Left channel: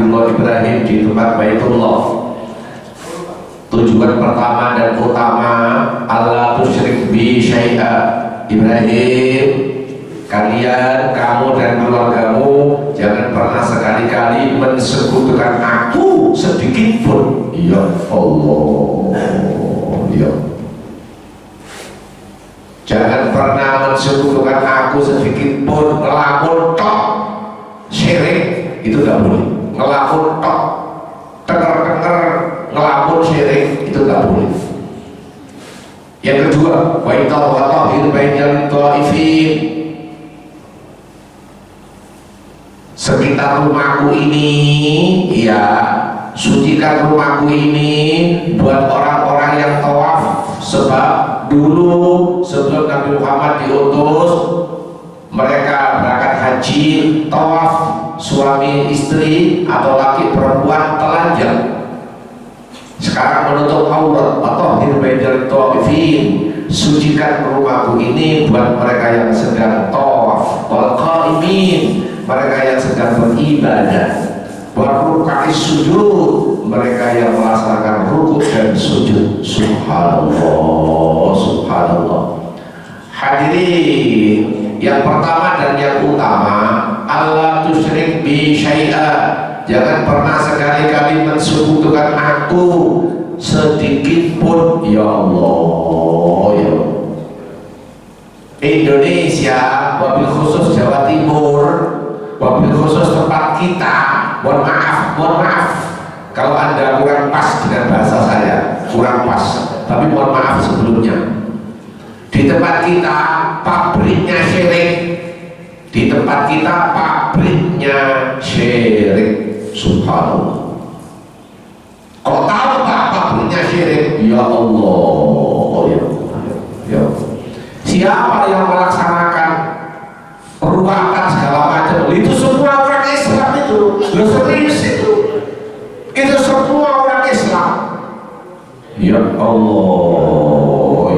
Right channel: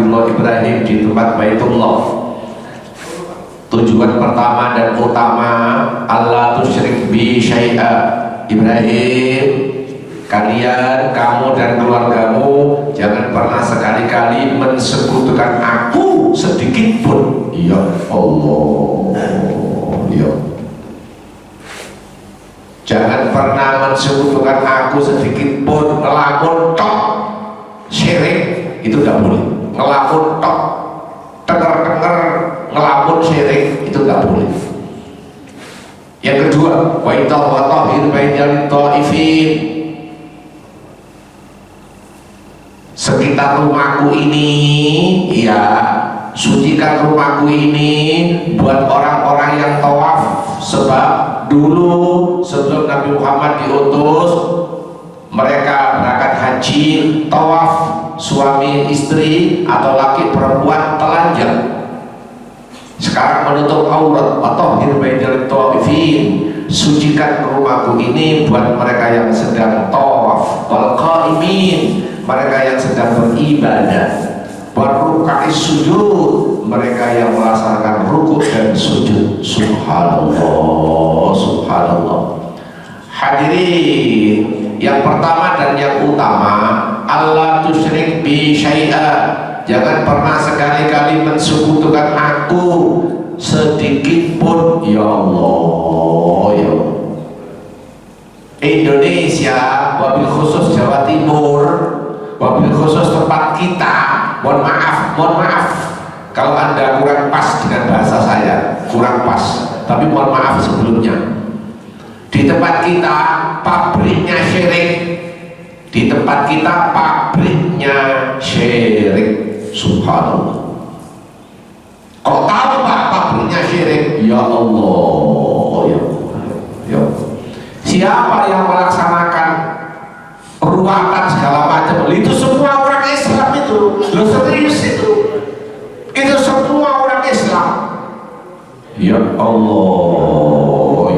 Nabiullah Ibrahim di tempat Baitullah. Tujuan pertama dan utama, Allah tusyrik bi syai'a. Ibrahim, kalian, kamu dan keluargamu jangan pernah sekali-kali mensekutukan aku sedikit pun. Ya Allah, ya. Jangan pernah mensekutukan aku sedikit pun. Ngelamun tok syirik itu gak boleh. Ngelamun tok denger-denger ngelamun syirik itu gak boleh. Yang kedua, wa tahhir bainal ta'ifin. Sekitar rumahku ini, ya, sucikan rumahku ini buat orang-orang yang tawaf. Sebab dulu sebelum Nabi Muhammad diutus, mereka berangkat haji, tawaf, suami istri atau laki perempuan telanjang. Sekarang menutup aurat, atau hirbaidal ta'ifin, sucikan rumahku ini buat mereka yang sedang tawaf, wal qaimin, mereka yang sedang beribadah, wal ruka'is sujud, mereka yang melaksanakan rukuk dan sujud. Subhanallah, subhanallah. Hadirin, yang pertama dan yang utama, Allah tusyrik bi syai'a. Jangan pernah sekali-kali mensekutukan aku sedikit pun. Ya Allah, ya Indonesia, wabil khusus Jawa Timur, wabil khusus tempat kita, mohon maaf kalau Anda kurang pas dengan bahasa saya, kurang pas, tapi mohon maaf sebelumnya. Di tempat kita pabriknya syirik, di tempat kita pabriknya syirik. Subhanallah. Kok tahu Pak pabriknya syirik? Ya Allah, ya. Siapa yang melaksanakan ruatan segala macam? Itu semua orang Islam itu. Lo serius itu? Itu semua orang Islam. Ya Allah,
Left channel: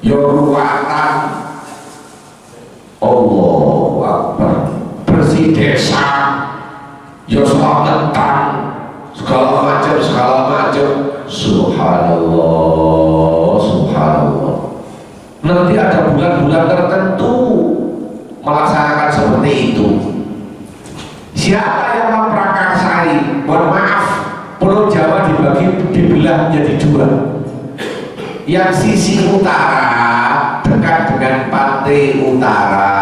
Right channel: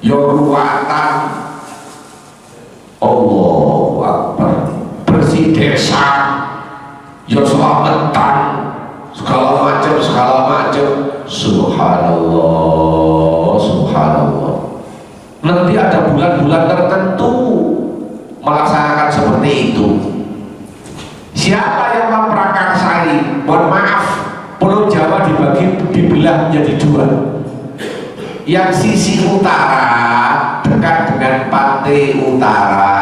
ya ruatan. Allahu Akbar. Bersih desa, ya selamatan, segala macam. Subhanallah, subhanallah. Nanti ada bulan-bulan tertentu melaksanakan seperti itu. Siapa yang memprakarsai? Mohon maaf, Pulau Jawa dibelah menjadi dua. Yang sisi utara dekat dengan pantai utara,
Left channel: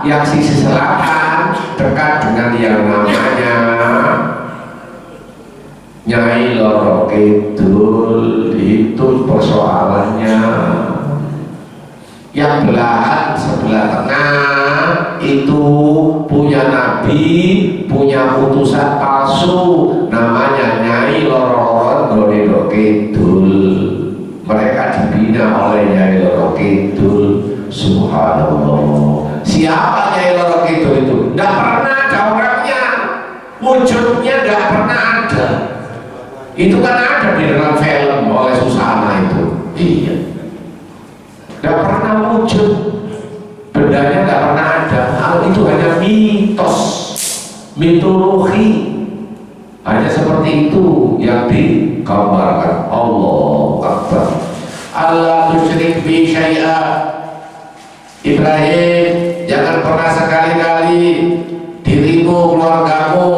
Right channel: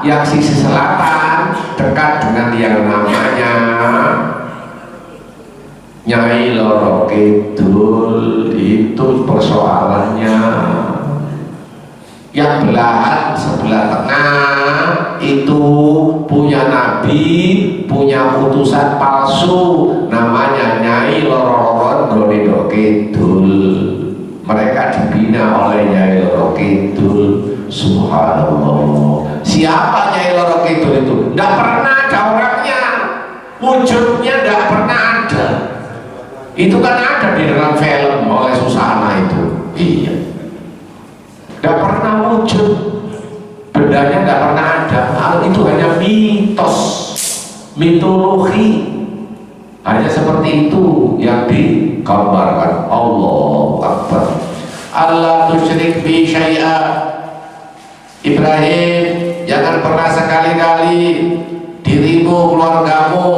yang sisi selatan dekat dengan yang namanya Nyai Loro Kidul. Itu persoalannya. Yang belahan sebelah tengah itu punya nabi, punya utusan palsu, namanya Nyai Loro Kidul. Mereka dibina oleh Nyai Loro Kidul. Subhanallah. Siapa Nyai Loro Kidul itu? Tidak pernah ada orangnya, wujudnya tidak pernah ada. Itu kan ada di dalam film oleh Susana itu. Iya, tidak pernah wujud, bendanya tidak pernah ada. Itu hanya mitos, mitologi, hanya seperti itu yang digambarkan. Allahu Akbar. Allah tusyrik bi syai'a. Ibrahim, jangan pernah sekali-kali dirimu, keluargamu,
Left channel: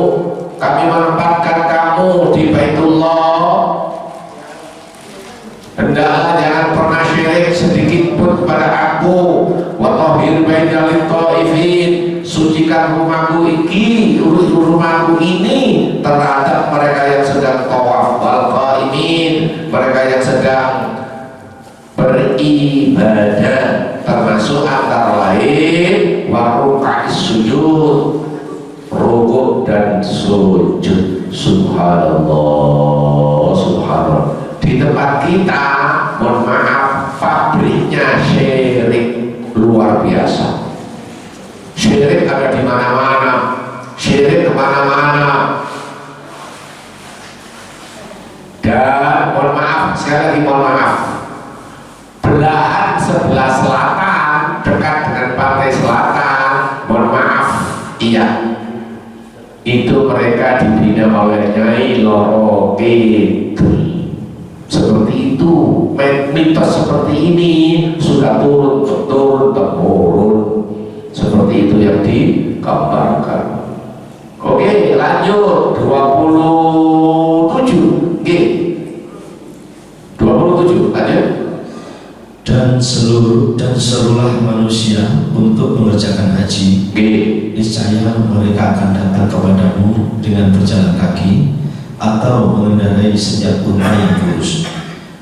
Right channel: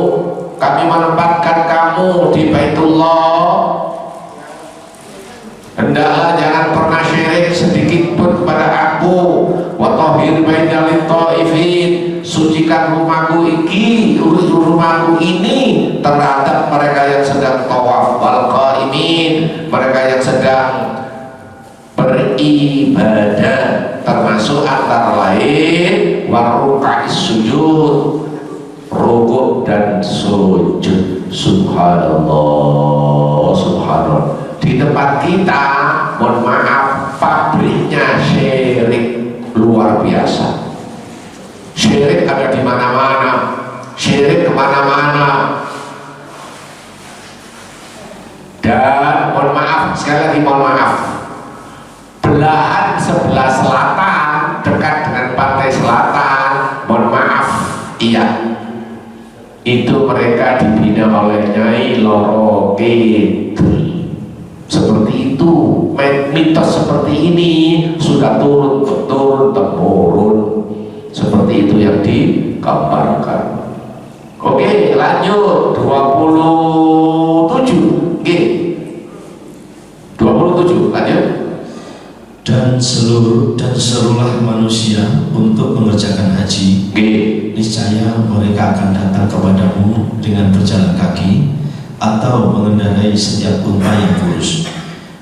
kami menempatkan kamu di Baitullah. Hendaklah jangan pernah syirik sedikit pun kepada aku. Wa tahhir bainal ta'ifin, sucikan rumahku ini terhadap mereka yang sedang tawaf, wal qaimin, mereka yang sedang beribadah, termasuk antara lain wa ruka'is sujud, rukuk dan sujud. Subhanallah, subhanallah. Di tempat kita, mohon maaf, pabriknya syirik luar biasa. Syirik ada di mana-mana, syirik kemana-mana. Dan mohon maaf, sekali lagi mohon maaf, belahan sebelah selatan dekat dengan pantai selatan, mohon maaf, iya, itu mereka dibina oleh Nyai Loro Kidul. Seperti itu, mitos seperti ini sudah turun temurun. Seperti itu yang digambarkan. Oke, lanjut 27. Oke. 27 lanjut. Dan serulah manusia untuk mengerjakan haji. Niscaya mereka akan datang kepadamu dengan berjalan kaki atau mengendarai setiap unta yang kurus.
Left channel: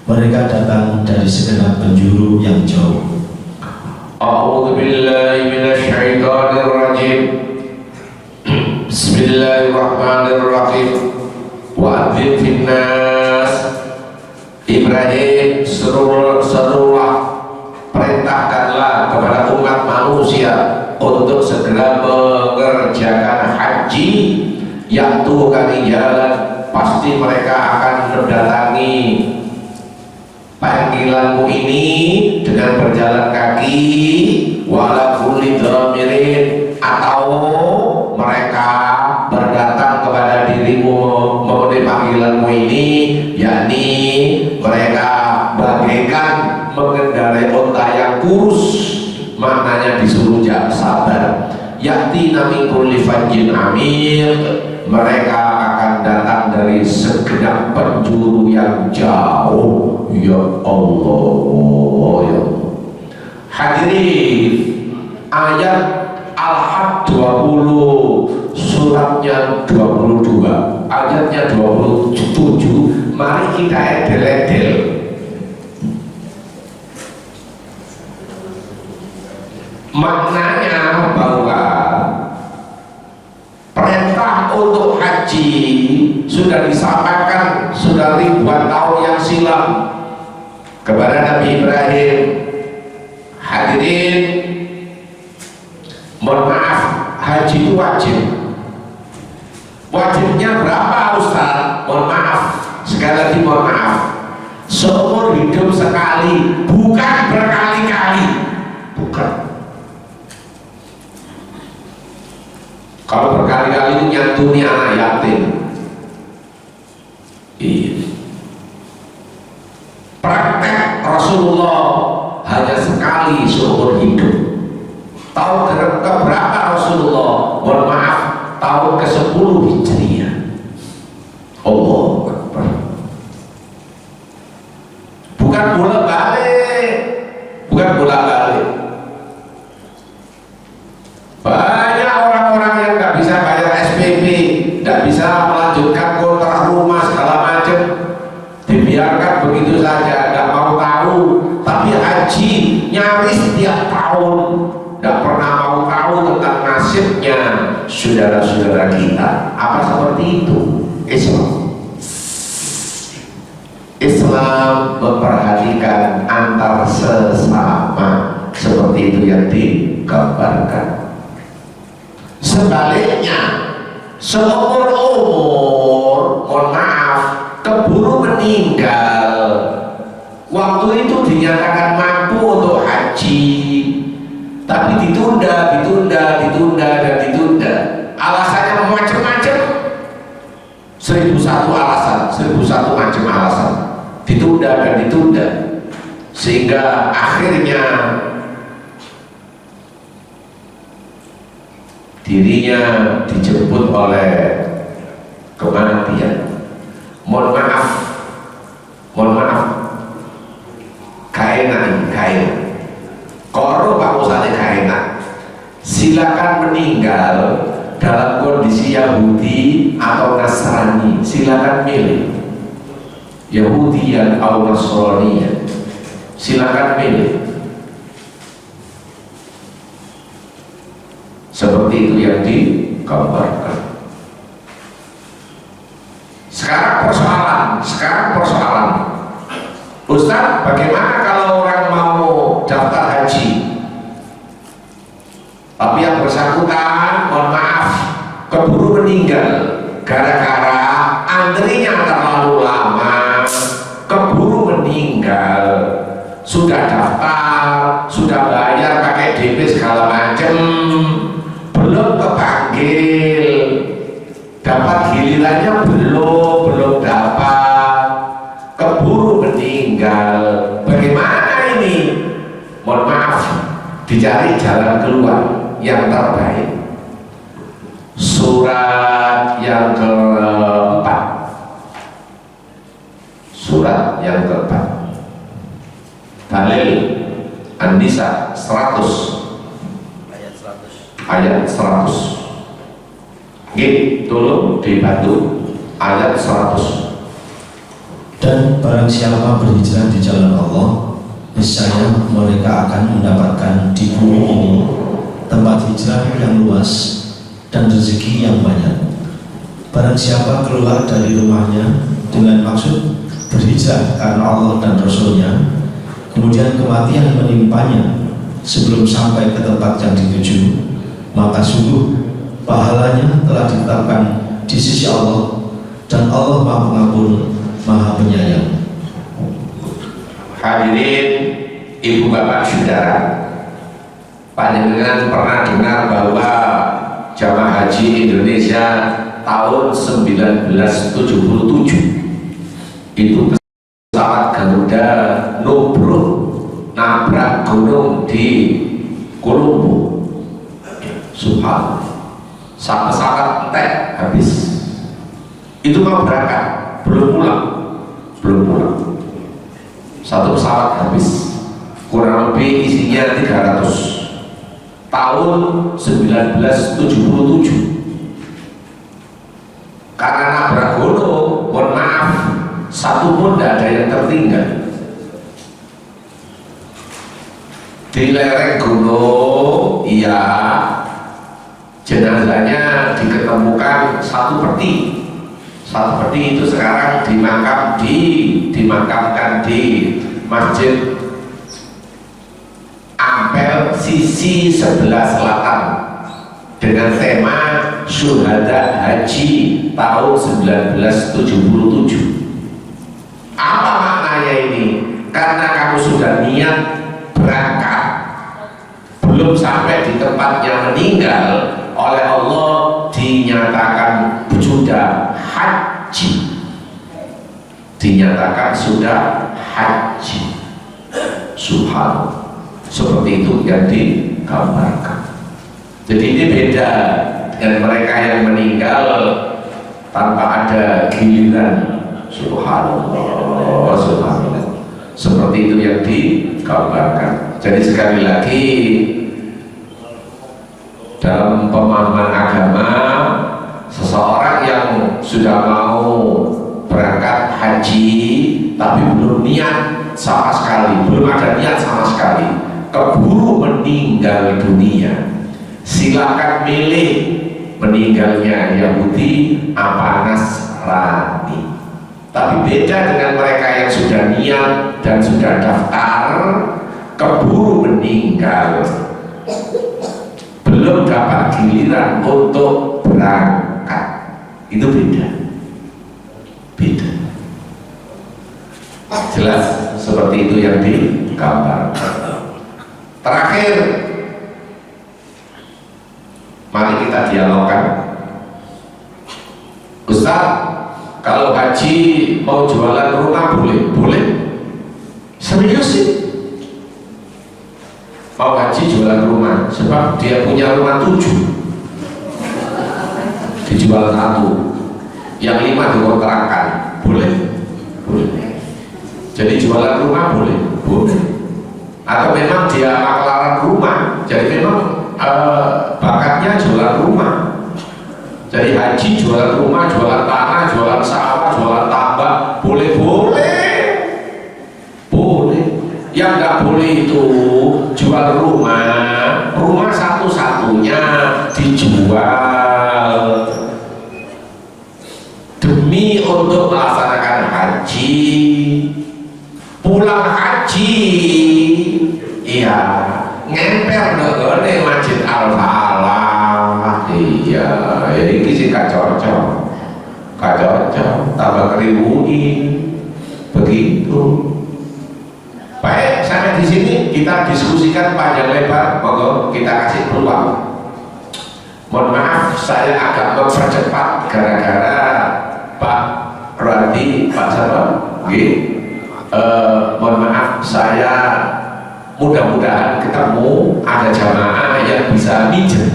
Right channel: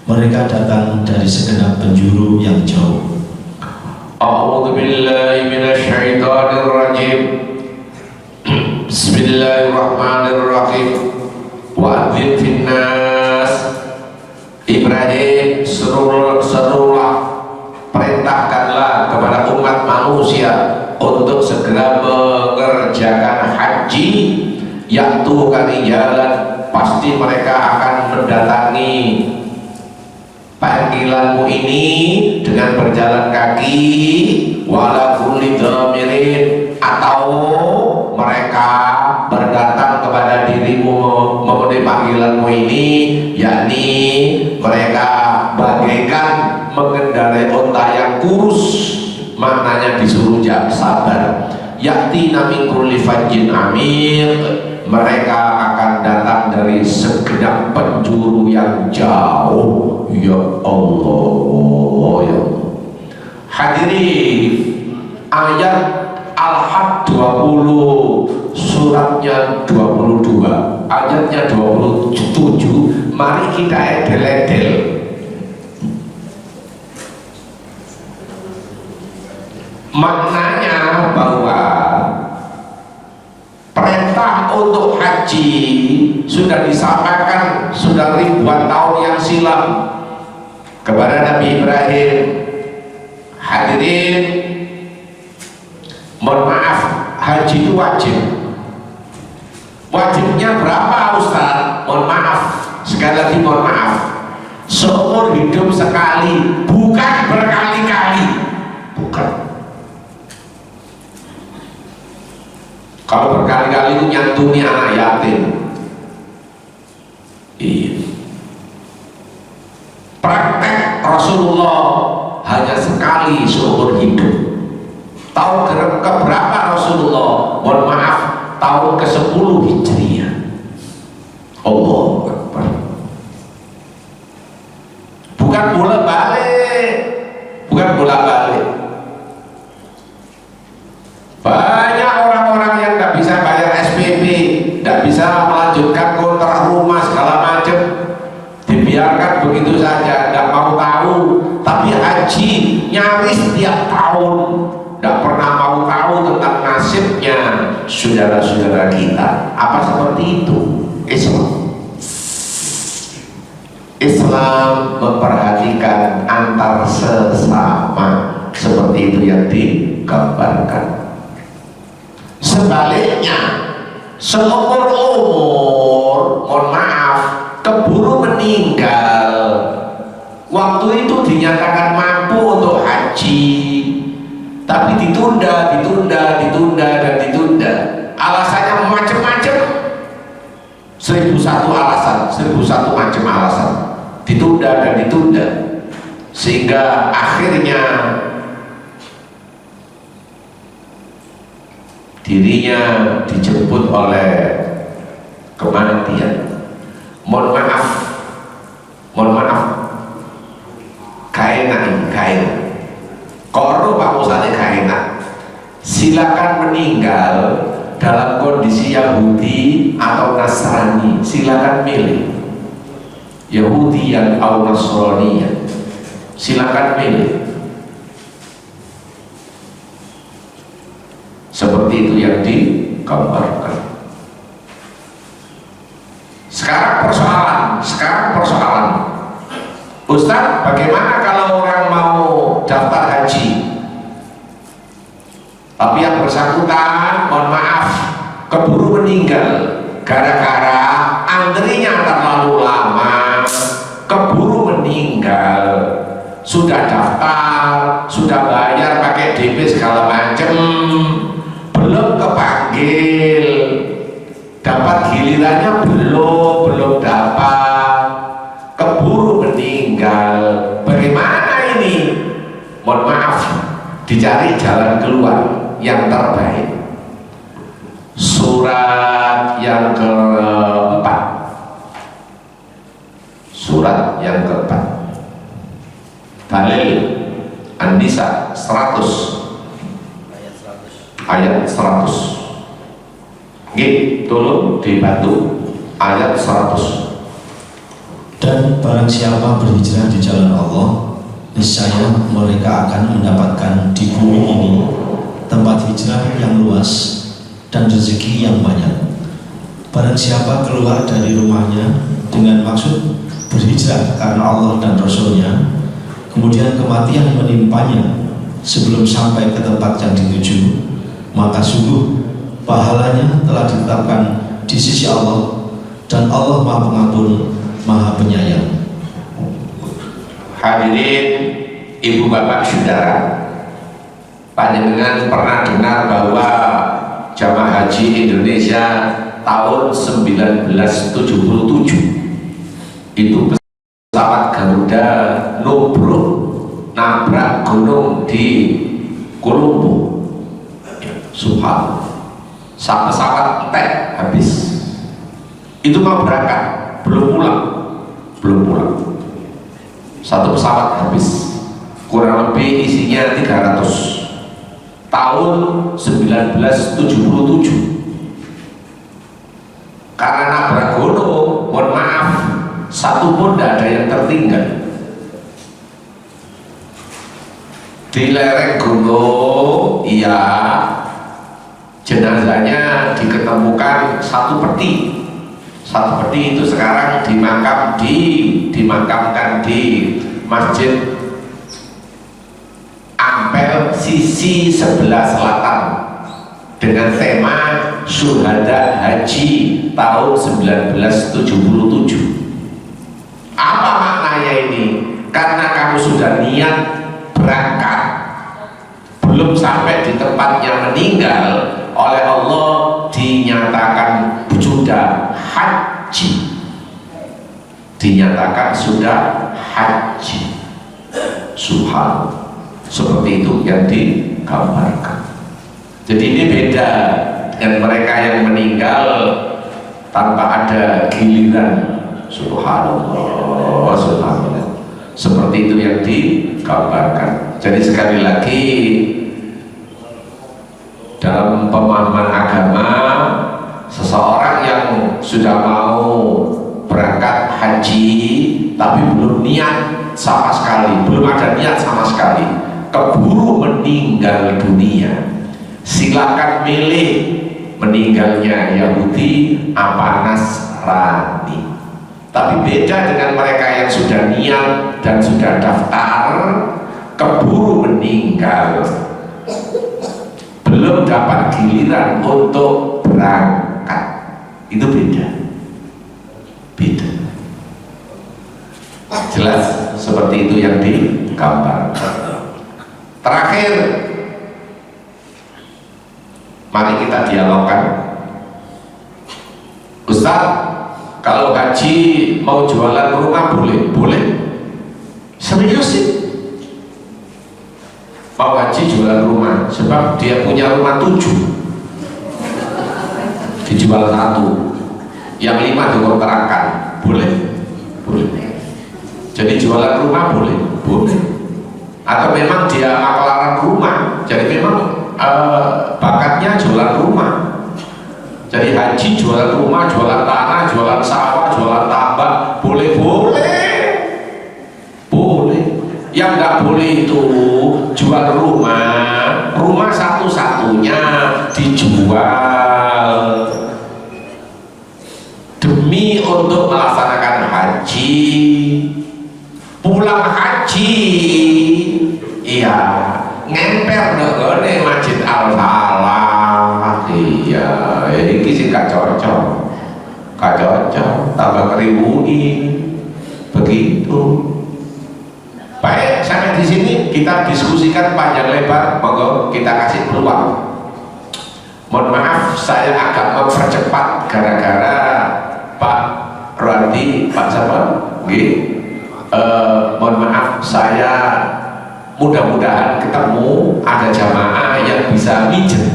Mereka datang dari segenap penjuru yang jauh. A'udzu billahi minasyaitonir rajim. Bismillahirrahmanirrahim. Wa'adzin finnas. Ibrahim, serulah, perintahkanlah kepada umat manusia untuk segera mengerjakan haji. Yaitu kali jalan, pasti mereka akan mendatangi panggilanmu ini dengan berjalan kaki, wala kulli dhamirin, atau mereka berdatang kepada dirimu memenuhi panggilanmu ini, yakni mereka bagaikan mengendarai unta yang kurus, maknanya disuruh sabar. Yakti min kulli fajjin amir, mereka akan datang dari segenap penjuru yang jauh. Ya Allah, ya hadirin, ayat Al-Had 20, suratnya 22, ayatnya 27. Mari kita edel-edel. Maknanya bahwa perintah untuk haji sudah disampaikan sudah ribuan tahun yang silam kepada Nabi Ibrahim. Hadirin, mohon maaf, haji itu wajib. Wajibnya berapa Ustaz? Mohon maaf, sekali lagi mohon maaf, seumur hidup sekali, bukan berkali-kali. Bukan. Kalau berkali-kali itu nyantuni anak yatim. Iya. Praktek Rasulullah hanya sekali seumur hidup. Tahun keberapa Rasulullah? Mohon maaf, tahun ke-10 Hijriah. Allahu Akbar. Bukan bolak-balik. Bukan bolak-balik. Banyak orang-orang yang nggak bisa bayar SPP, nggak bisa melanjutkan kontrak rumah segala macam, dibiarkan begitu saja, nggak mau tahu. Tapi haji nyaris tiap tahun, nggak pernah mau tahu tentang nasibnya saudara-saudara kita. Apa seperti itu? Islam memperhatikan antar sesama, seperti itu yang digambarkan. Sebaliknya, seumur umur, mohon maaf, keburu meninggal, waktu itu dinyatakan mampu untuk haji, tapi ditunda, dan ditunda. Alasannya macam-macam, 1001 alasan, 1001 macam alasan, ditunda dan ditunda, sehingga akhirnya dirinya dijemput oleh kematian. Mohon maaf, kain korup Pak Ustadz, kaenak. Silakan meninggal dalam kondisi Yahudi atau Nasrani, silakan milih. Yahudi atau Nasrani, silakan milih. Seperti itu yang digambarkan. Sekarang persoalan, Ustaz, bagaimana kalau orang mau daftar haji, tapi yang bersangkutan, mohon maaf, keburu meninggal gara-gara antrinya terlalu lama, keburu meninggal, sudah daftar, sudah bayar pakai DP segala macam, belum kepanggil, dicari jalan keluar yang terbaik. Surat yang keempat, surat yang keempat, dalil An-Nisa 100 ayat 100. Nggih, tolong dibantu ayat 100. Dan barang siapa berhijrah di jalan Allah, niscaya mereka akan mendapatkan di bumi ini tempat hijrah yang luas dan rezeki yang banyak. Barang siapa keluar dari rumahnya dengan maksud berhijrah karena Allah dan Rasulnya, kemudian kematian menimpanya sebelum sampai ke tempat yang dituju, maka sungguh pahalanya telah ditetapkan di sisi Allah, dan Allah Maha Pengampun, Maha Penyayang. Hadirin ibu bapak saudara, panjenengan pernah dengar bahwa jamaah haji Indonesia tahun 1977 itu pesawat Garuda nubruk nabrak gunung di Kolombo. Subhanallah, pesawat entek habis. Itu mau berangkat, belum pulang. Satu pesawat habis, kurang lebih isinya 300. Tahun 1977 karena nabrak gunung, mohon maaf, satu pun tidak ada yang tertinggal. Di lereng gunung, iya, jenazahnya diketemukan satu peti itu sekarang dimakamkan di Masjid Ampel sisi sebelah selatan dengan tema Syuhada Haji tahun 1977. Apa maknanya ini? Karena kamu sudah niat berangkat, belum sampai di tempatnya meninggal, oleh Allah dinyatakan sudah haji, dinyatakan sudah haji. Subhanallah, seperti itu yang digambarkan. Jadi ini beda dengan mereka yang meninggal tanpa ada giliran. Subhanallah, subhanallah, seperti itu yang digambarkan. Jadi sekali lagi, dalam pemahaman agama, seseorang yang sudah mau berangkat haji tapi belum niat sama sekali, belum ada niat sama sekali, keburu meninggal dunia, silakan milih meninggalnya Yahudi apa Nasrani. Tapi beda dengan mereka yang sudah niat dan sudah daftar, keburu meninggal, belum dapat giliran untuk berangkat. Itu beda. Jelas seperti itu yang digambar. Terakhir, mari kita dialogkan. Ustaz, kalau haji mau jualan rumah boleh? Boleh. Serius sih? Mau haji jualan rumah, sebab dia punya rumah 7, dijual 1, yang 5 dikontrakkan. Boleh. Jadi jualan rumah boleh. Atau memang dia makelaran rumah, jadi memang bakatnya jualan rumah. Jadi haji jualan rumah, jualan tanah, jualan sawah, jualan tambak, boleh. Yang nggak boleh itu jual rumah satu-satunya dijual demi untuk melaksanakan haji. Pulang haji, iya, ngemper nih Masjid Al-Falah, iya, ini sih gak cocok, tambah keribuni, begitu. Baik, sampai di sini kita diskusikan panjang lebar, monggo kita kasih peluang. Mohon maaf, saya agak mempercepat gara-gara Pak Rwandi, Pak siapa? Mohon maaf, saya mudah-mudahan ketemu ada jamaah yang bisa mijet.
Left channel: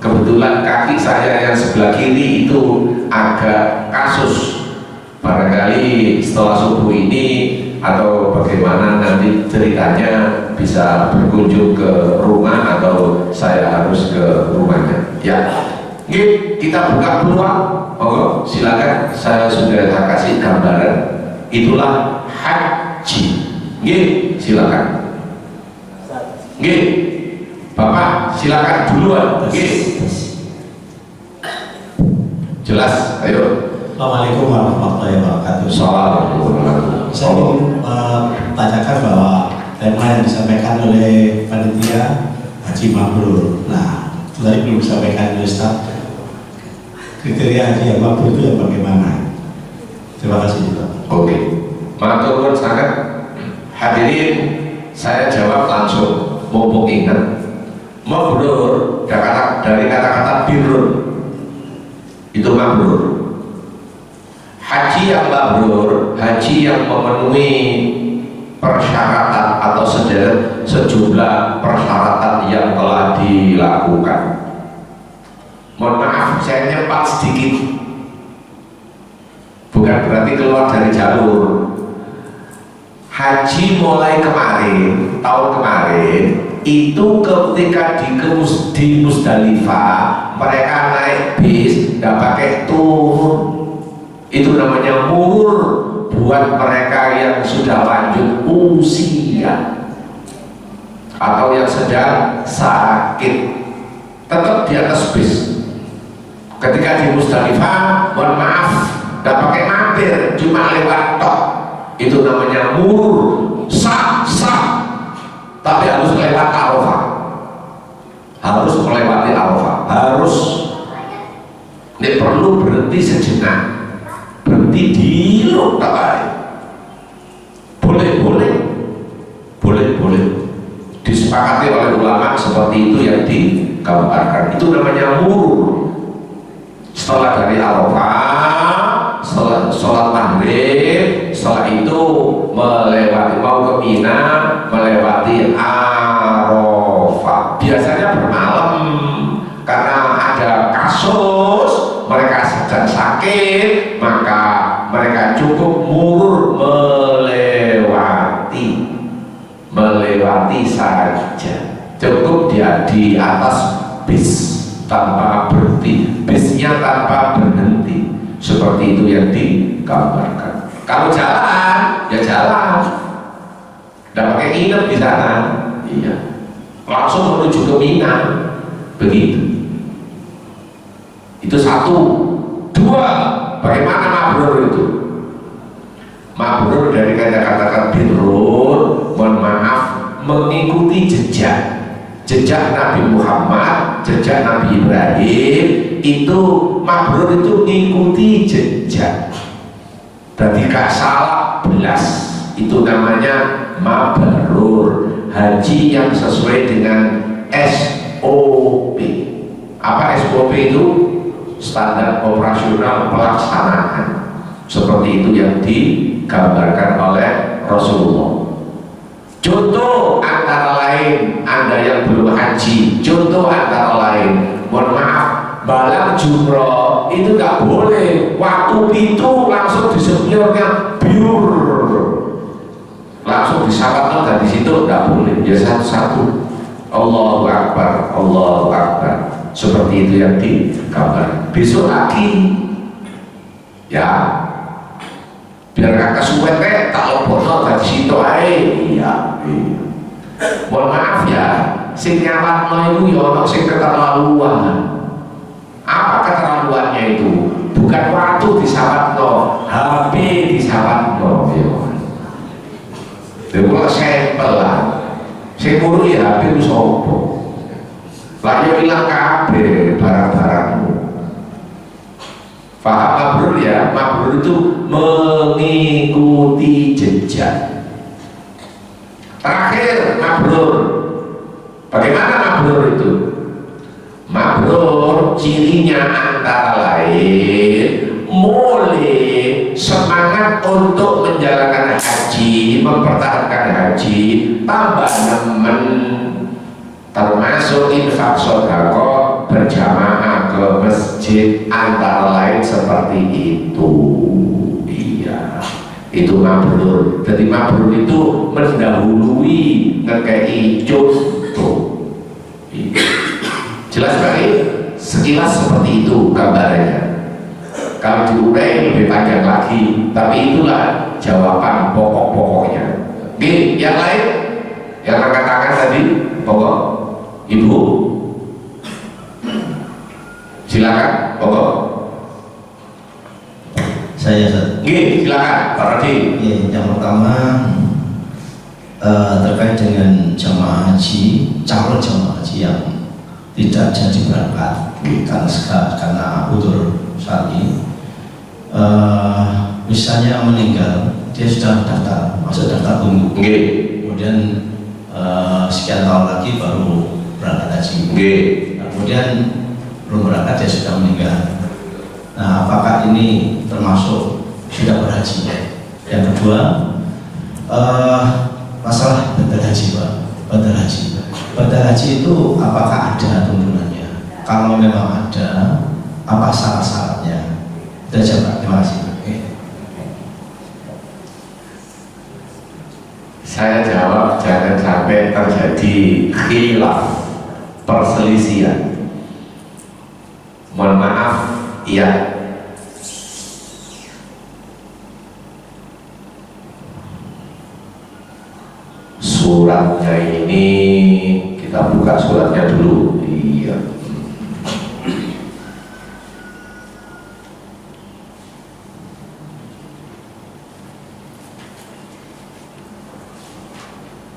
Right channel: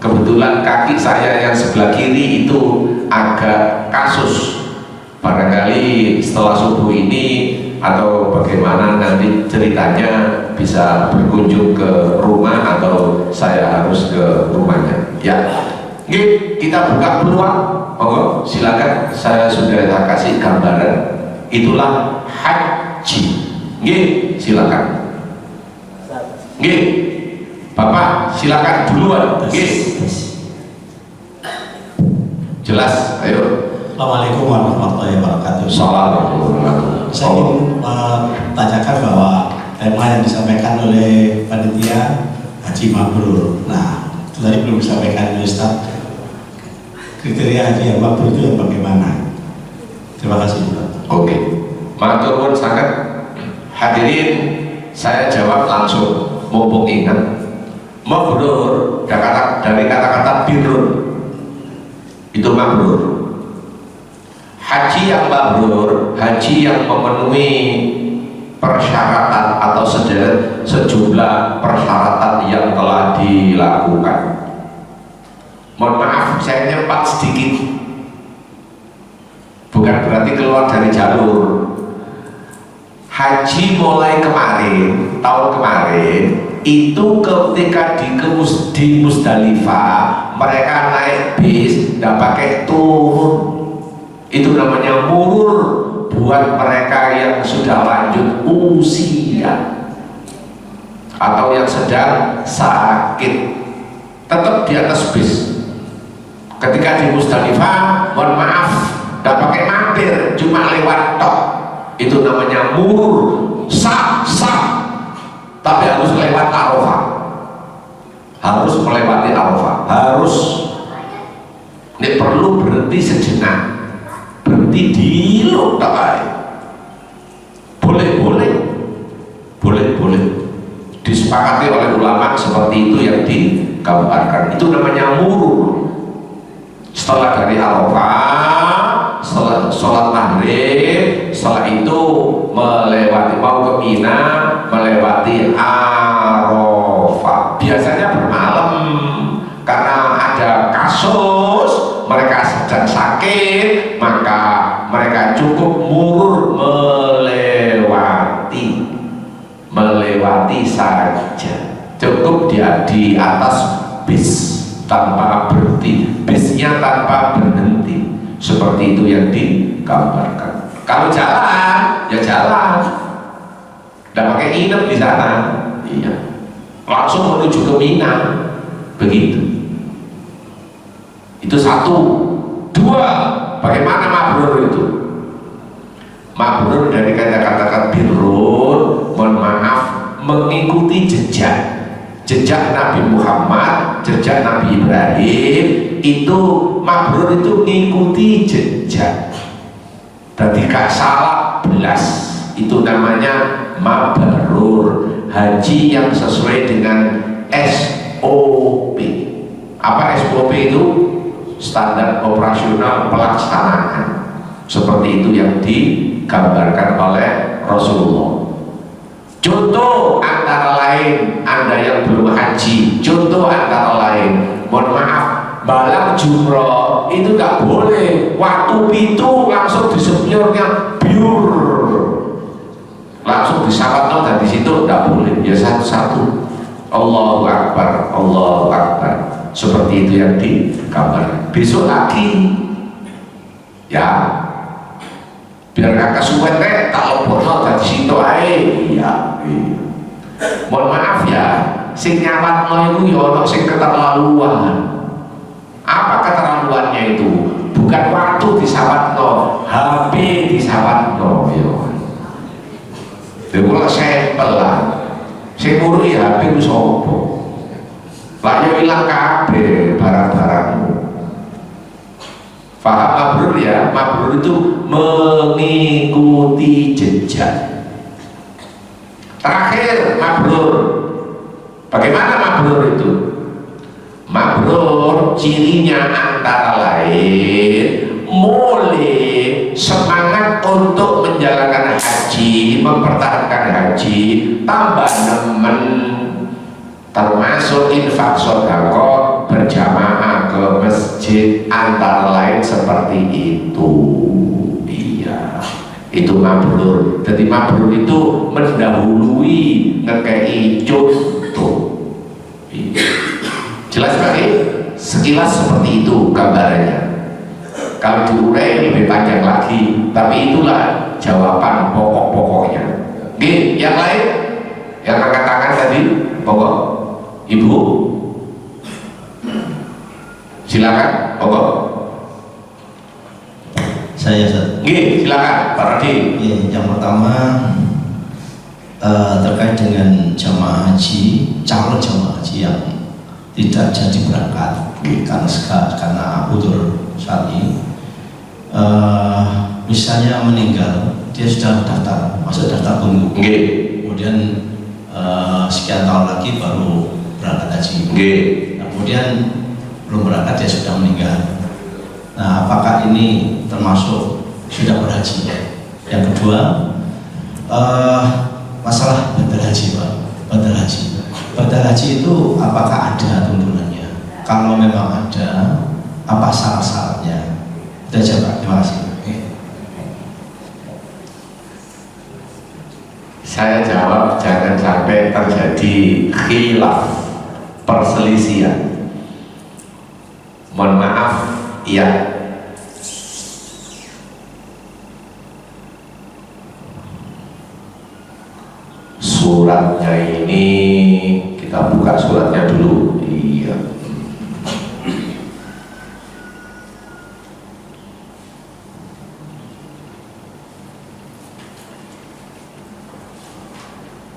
Kebetulan kaki saya yang sebelah kiri itu agak kasus, barangkali setelah subuh ini atau bagaimana nanti ceritanya bisa berkunjung ke rumah atau saya harus ke rumahnya ya. Oke, kita buka peluang, monggo silakan, saya sudah kasih gambaran, itulah haji. Oke, silakan. Oke, Bapak silakan duluan. Oke, jelas, ayo. Assalamualaikum warahmatullahi wabarakatuh. Assalamualaikum. Saya ingin tanyakan bahwa tema yang disampaikan oleh panitia Haji Mabrur. Nah, itu tadi belum disampaikan oleh Ustaz. Kriteria Haji yang Mabrur itu yang bagaimana? Terima kasih juga. Oke, matur nuwun sangat. Hadirin, saya jawab langsung. Mumpung ingat, mabrur dari kata-kata birrun, itu mabrur. Haji yang mabrur, haji yang memenuhi persyaratan atau sejumlah persyaratan yang telah dilakukan. Mohon maaf, saya nyempat sedikit, bukan berarti keluar dari jalur. Haji mulai kemarin, tahun kemarin itu ketika di Musdalifah mereka naik bis, nggak pakai turun. Itu namanya murur buat mereka yang sudah lanjut usia atau yang sedang sakit, tetap di atas bis. Ketika di Musdalifah, mohon maaf, nggak pakai mampir, cuma lewat tok. Itu namanya murur, sah, tapi harus lewat Arafah, harus melewati Arafah, harus. Ini perlu berhenti sejenak, berhenti di Lokai. Boleh disepakati oleh ulama seperti itu yang digambarkan. Itu namanya murur. Setelah dari Arafah, setelah sholat maghrib, setelah itu melewati, mau ke Mina, melewati Arafah. Biasanya bermalam karena ada kasus mereka sedang sakit, maka mereka cukup murur melewati saja, cukup dia di atas bis tanpa berhenti, bisnya tanpa berhenti, seperti itu yang digambarkan. Kalau jalan, ya jalan, tidak pakai nginep di sana, iya, langsung menuju ke Mina, begitu. Itu satu. Dua, bagaimana mabrur itu? Mabrur dari kata-kata birrun, mohon maaf, mengikuti jejak Nabi Muhammad, jejak Nabi Ibrahim. Itu mabrur itu mengikuti jejak, berarti gak salah belas. Itu namanya mabrur, haji yang sesuai dengan SOP. Apa SOP itu? Standar operasional pelaksanaan. Seperti itu yang digambarkan oleh Rasulullah. Contoh antara lain, Anda yang belum haji, contoh antara lain, mohon maaf, balang jumroh itu nggak boleh waktu itu langsung disepirnya biur, langsung disalatkan dan di situ nggak boleh. Ya satu-satu, Allahu Akbar, Allahu Akbar, seperti itu yang digambarkan. Besok lagi, ya, biar kakak suwet tak lopotno dari situ aja. Iya. Mohon maaf ya, sing nyawatno itu ya ono sing keterlaluan. Apa keterlaluannya itu? Bukan waktu disawatno, HP disawatno. Ya mulai sampel lah. Sing ngurui HP ku sapa? Lah yo ilang kabeh barang-barangmu. Paham mabrur ya? Mabrur itu mengikuti jejak. Terakhir mabrur. Bagaimana mabrur itu? Mabrur cirinya antara lain mulai semangat untuk menjalankan haji, mempertahankan haji, tambah nemen, termasuk infak sedekah berjamaah ke masjid antara lain seperti itu. Iya, itu mabrur. Jadi mabrur itu mendahului ngekei contoh. Jelas sekali, sekilas seperti itu gambarannya. Kalau diurai lebih panjang lagi, tapi itulah jawaban pokok-pokoknya. Oke, yang lain yang angkat tangan tadi, pokok Ibu, silakan, pokok. Saya Silakan, Pak Rodi. yang pertama terkait dengan jamaah haji, calon jamaah haji yang tidak jadi berangkat karena udzur syar'i, misalnya meninggal, dia sudah daftar, masuk daftar tunggu. Kemudian sekian tahun lagi baru berangkat haji. Nah, kemudian belum berangkat dia sudah meninggal. Nah, apakah ini termasuk sudah berhaji? Yang kedua, masalah badal haji, Pak. Badal haji itu apakah ada tuntunannya? Kalau memang ada, apa syarat-syaratnya? Itu aja, Pak. Terima kasih. Saya jawab, jangan sampai terjadi khilaf, perselisihan. Mohon maaf, iya. Suratnya ini kita buka suratnya dulu. Iya.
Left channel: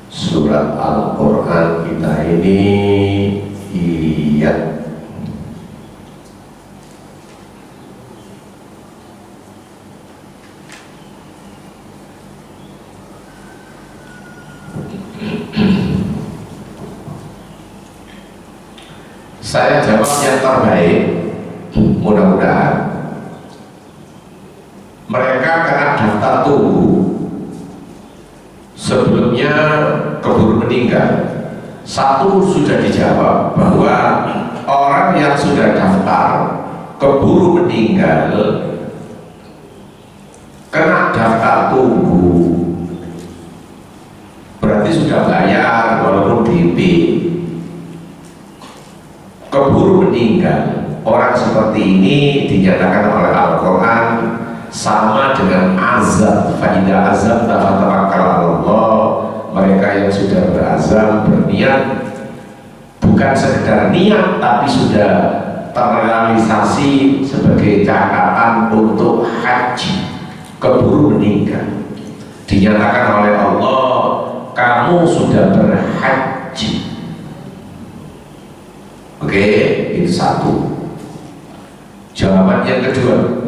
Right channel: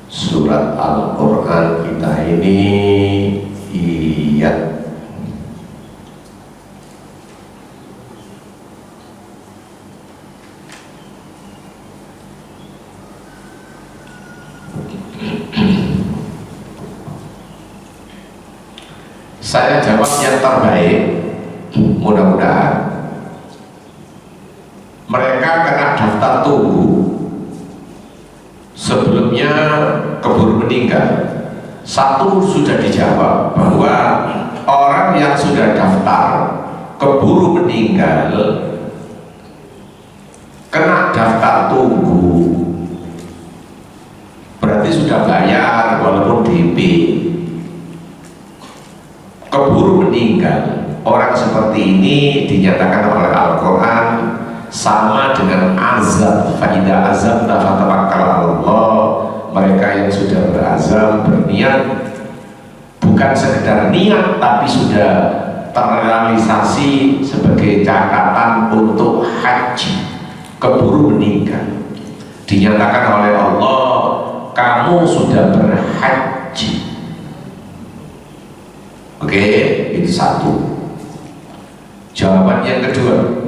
Surat Al-Quran kita ini, iya. Saya jawab yang terbaik, mudah-mudahan. Mereka kena daftar tunggu sebelumnya keburu meninggal. Satu sudah dijawab bahwa orang yang sudah daftar keburu meninggal kena daftar tunggu, berarti sudah bayar walaupun DP. Keburu meninggal, orang seperti ini dinyatakan oleh Al-Quran sama dengan azab. Faidah azab tafattawakkal Allah. Mereka yang sudah berazam, berniat, bukan sekedar niat tapi sudah terrealisasi sebagai catatan untuk haji, keburu meninggal, dinyatakan oleh Allah, kamu sudah berhaji. Oke, itu satu. Jawaban yang kedua,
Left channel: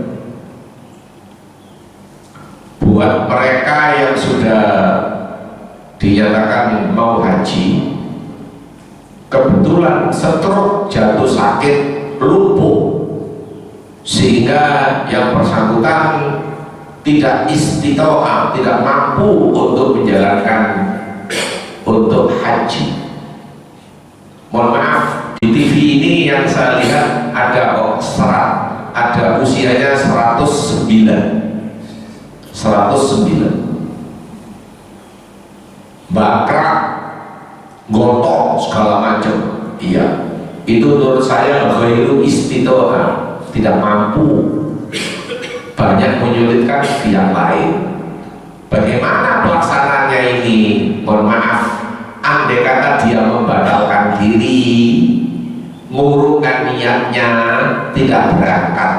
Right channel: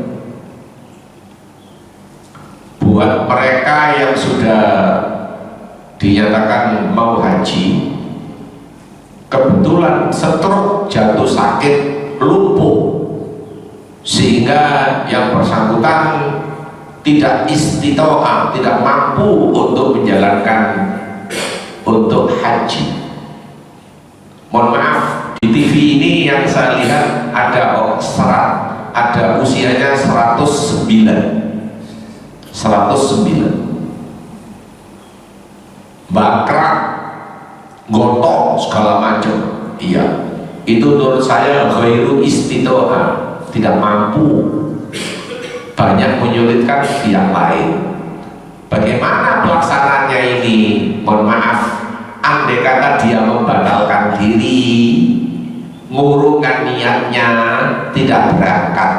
buat mereka yang sudah dinyatakan mau haji, kebetulan stroke, jatuh sakit, lumpuh, sehingga yang bersangkutan tidak istitoah, tidak mampu untuk menjalankan untuk haji. Mohon maaf, di TV ini yang saya lihat ada ada usianya 109, bakrak, gotong segala macam. Iya, itu menurut saya ghairu istitoah, tidak mampu, banyak menyulitkan pihak lain. Bagaimana pelaksananya ini? Mohon maaf, andai kata dia membatalkan diri, ngurungkan niatnya, tidak berangkat,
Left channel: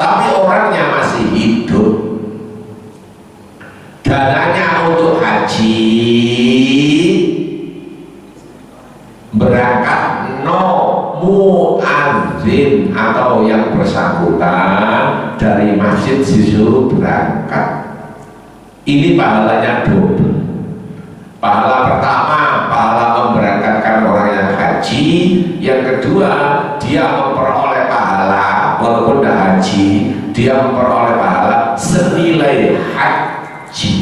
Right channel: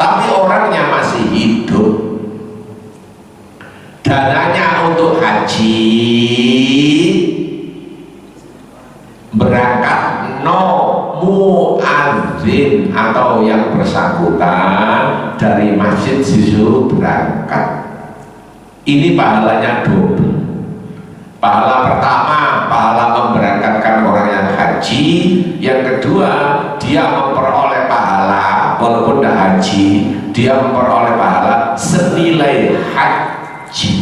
tapi orangnya masih hidup, dananya untuk haji, berangkat no muadzin atau yang bersangkutan dari masjid disuruh berangkat. Ini pahalanya double. Pahala pertama, pahala memberangkatkan orang yang haji. Yang kedua, dia memperoleh pahala walaupun tidak haji, dia memperoleh pahala senilai haji.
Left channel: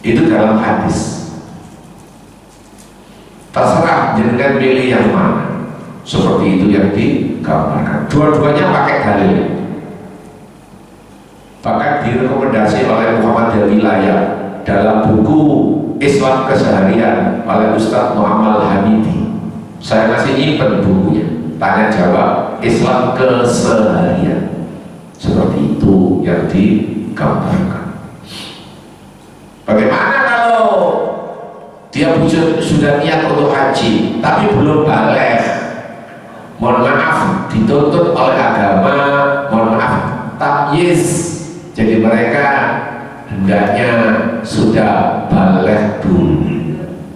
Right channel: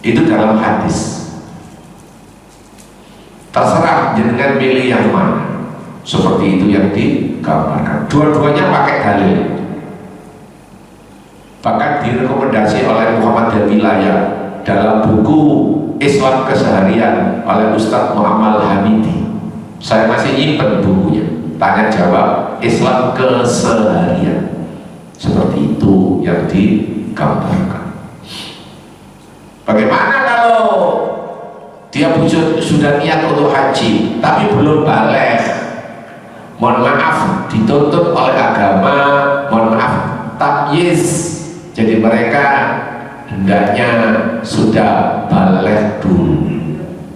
Itu dalam hadis. terserah jenengan pilih yang mana. Seperti itu yang digambarkan. Dua-duanya pakai dalil. Bahkan direkomendasi oleh Muhammad Wilayah dalam buku Islam Keseharian oleh Ustadz Muhammad Hamidi. Saya masih nyimpen bukunya. Tanya jawab Islam Keseharian. Seperti itu yang digambarkan. Bagaimana kalau dia sudah niat untuk haji tapi belum balik? Mohon maaf, dituntut oleh agama, mohon maaf, tamyiz. Jadi mereka hendaknya sudah balik dulu.